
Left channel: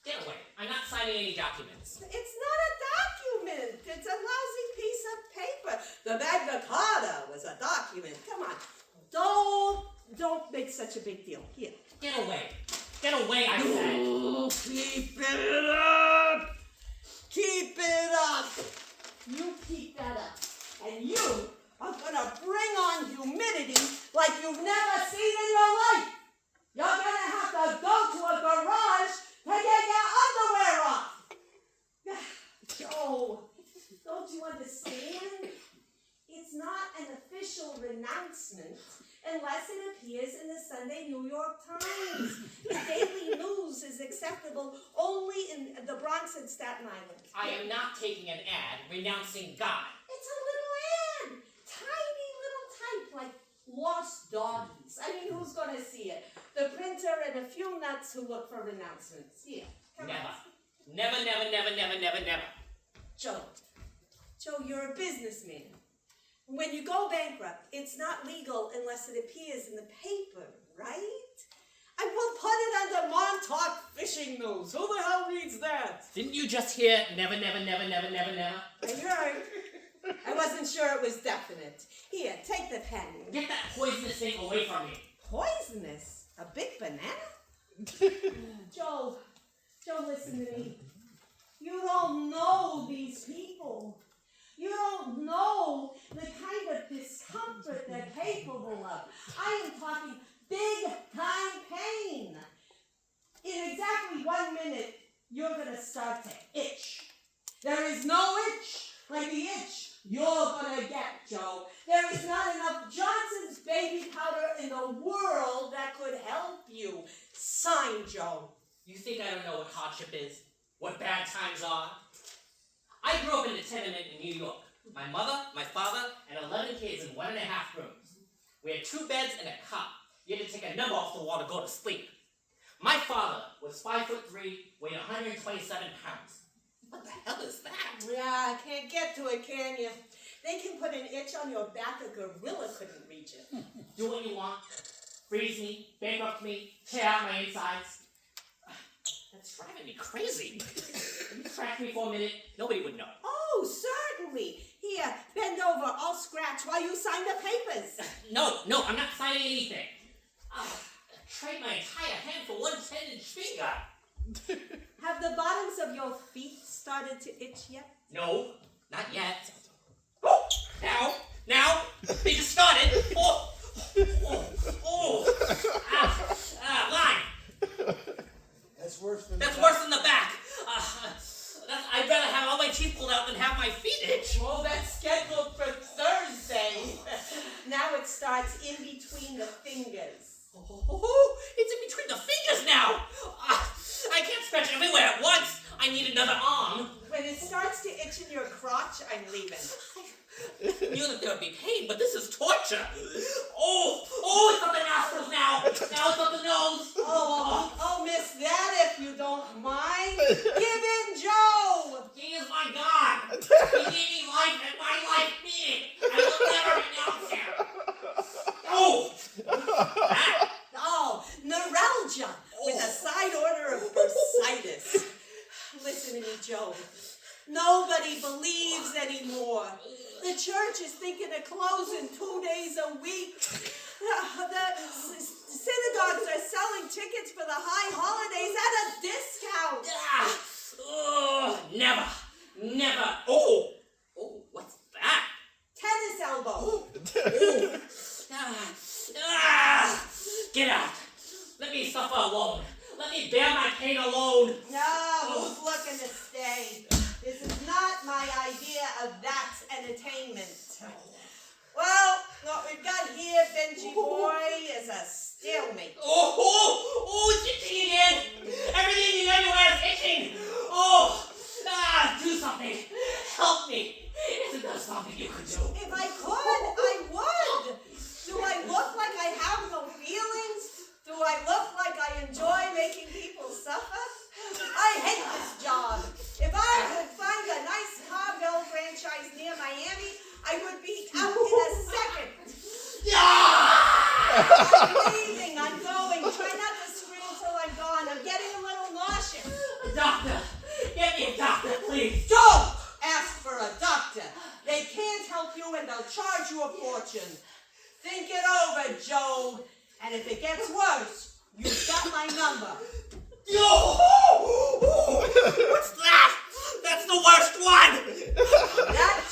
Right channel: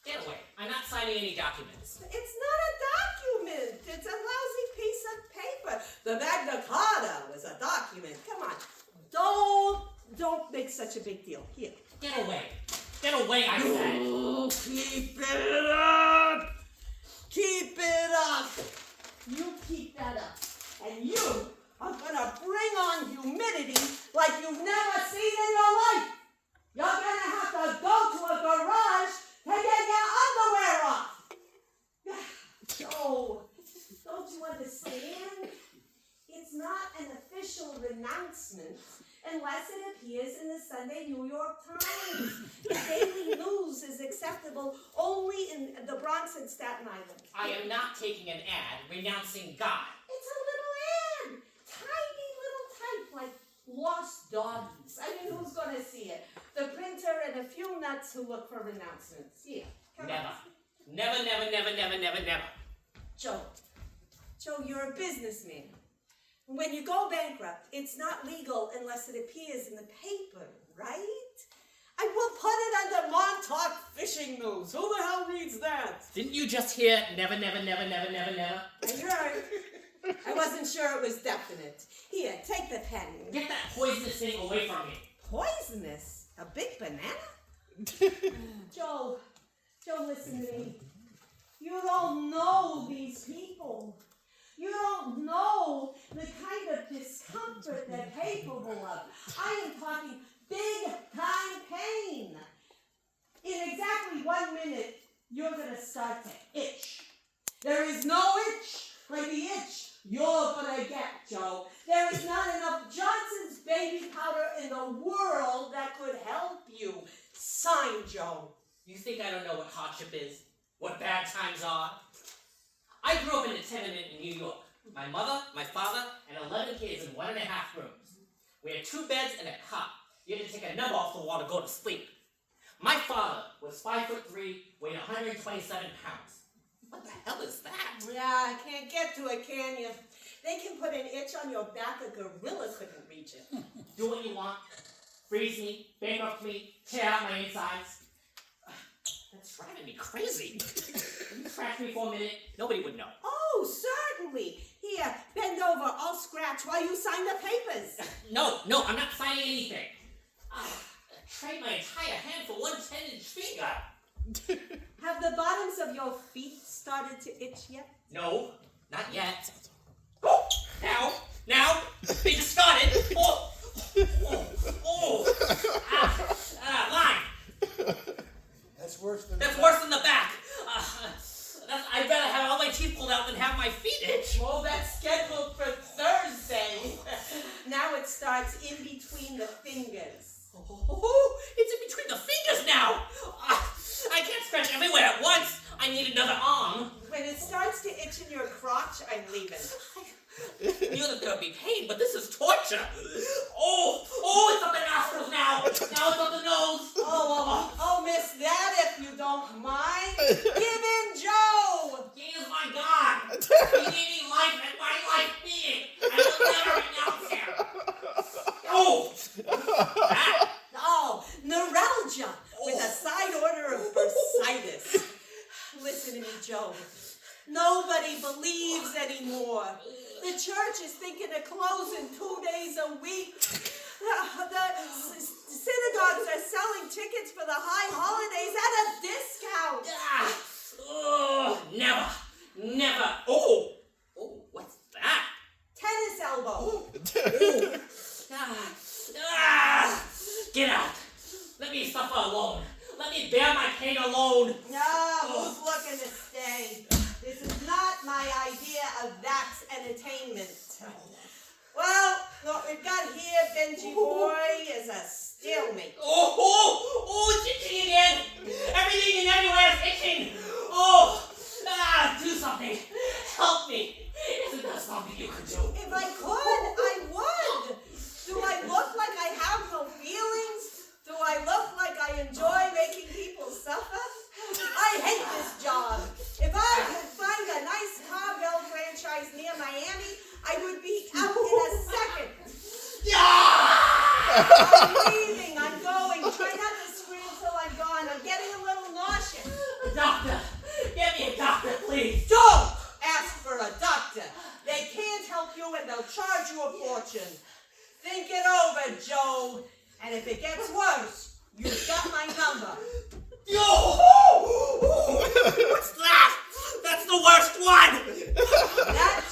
Get away. I'm not signing any documents. It's not a document. It's a lousy piece of paper. The Magna Carta was a document. Come on. Don't make such a big deal. Here. Get away. Get away, I said. Oh, keep it up. Keep it up. You keep that up. And you are gonna bring on humidity like you've never seen in your life. You're gonna have to go to a garage to get your underwear off. Joe, don't you understand? It's not an official renouncement unless it appears in the Sunday New York Times. The Daily News is acceptable only in the Bronx and Staten Island. I am not taking an ad renouncing God. It's a little ad. Tiny little type like lost doggies. I mean, who's gonna see it? The printer and a few nuts who look for renouncements. Here, come Never. on. Never. Joe, you're a businessman. When you go bankrupt, it's not legal unless it appears in the paper, right? I will put it under Montauk Fishing News. Who the hell reads that? Didn't you just hear never? I heard. I wasn't sure it was definite. Here, take the pen. Get that poisonous thing away from me. Poisonous? A big banana? Joe, listen to me. You don't know these people. You don't know the kind of discomfort they're capable of. I am talking big time pain. In exactly 1 minute, you're gonna start to itch. There is no itch like the itch you're gonna get, Joe. There is not enough Johnson's baby powder in the world that could help you. Sign, Joe. You think I don't know what hardship is? What bad times are? I grew up in a tenement in New York. My mother, my father, and 11 kids in 1.5 rooms. We had 2 beds and a cot. You had to take a number off the wall to go to sleep. My father was 5'3", weighed 127 pounds. What the hell is that? Yeah, I can't get to it, can you? They can put an itch on your back, a gorilla couldn't reach it. Do what you want. Freeze me, bankrupt me, tear out my insides. That's driving me crazy. If you scratch me for a minute, nobody would know. Oh, certainly. Here, bend over, I'll scratch while you sign the papers. No, I'm not signing anything. I trade my entire hand for one 10-inch finger. Have the bottoms of your feet started to itch yet? No, not yet. Now, Now, they just started. Line. That's worse than That's worse than the back. I'd rather have all my teeth pulled out than have my feet itch. Oh, that's scheduled for Thursday. Now it starts in between the fingers. Oh, it's in between the fingers now. I can't scratch everywhere at once. I need another arm. When it starts to itch in your crotch, I'm leaving. I knew that there would be pain, but this is torture. Oh, it's up the nostrils now. Now it's up the nose. Oh, miss that if you don't mind. Give in, Joe. He is my God. He gave me life and my life being. I will never renounce him. Oh, that. Oh, neuralgia with a side order of bursitis. Listen to me, Joe. Nobody believes anymore. The church is thinking of closing 2 days a week. The synagogues are selling tickets for the high holidays at a discount. Never. Oh, what's that? Tennis elbow. Get out. Let me suffer alone. Let me bear my pain alone. Who's looking to stay? This is not my idea of that's entertainment. Well, what we've got here, Benji boy, is a stalemate. It's itching again. Everything and everywhere is itching. Do something. Help me. Isn't there something you could do? If I could, I would. Do I look like I have no feelings? Do I look like I enjoy making people suffer? I hate this job. If I could find a nice Carvel franchise near Miami, I would be out in a second. I'm leaving. I'm going. Try not to scream till I'm gone. I'm getting a little nauseous. A doctor. Get me a doctor, please. Don't ask for a doctor. They can't help you and they'll charge you a fortune. Think it over, Joe. And if it gets worse, you've got my number. What's that? That's the worst one. That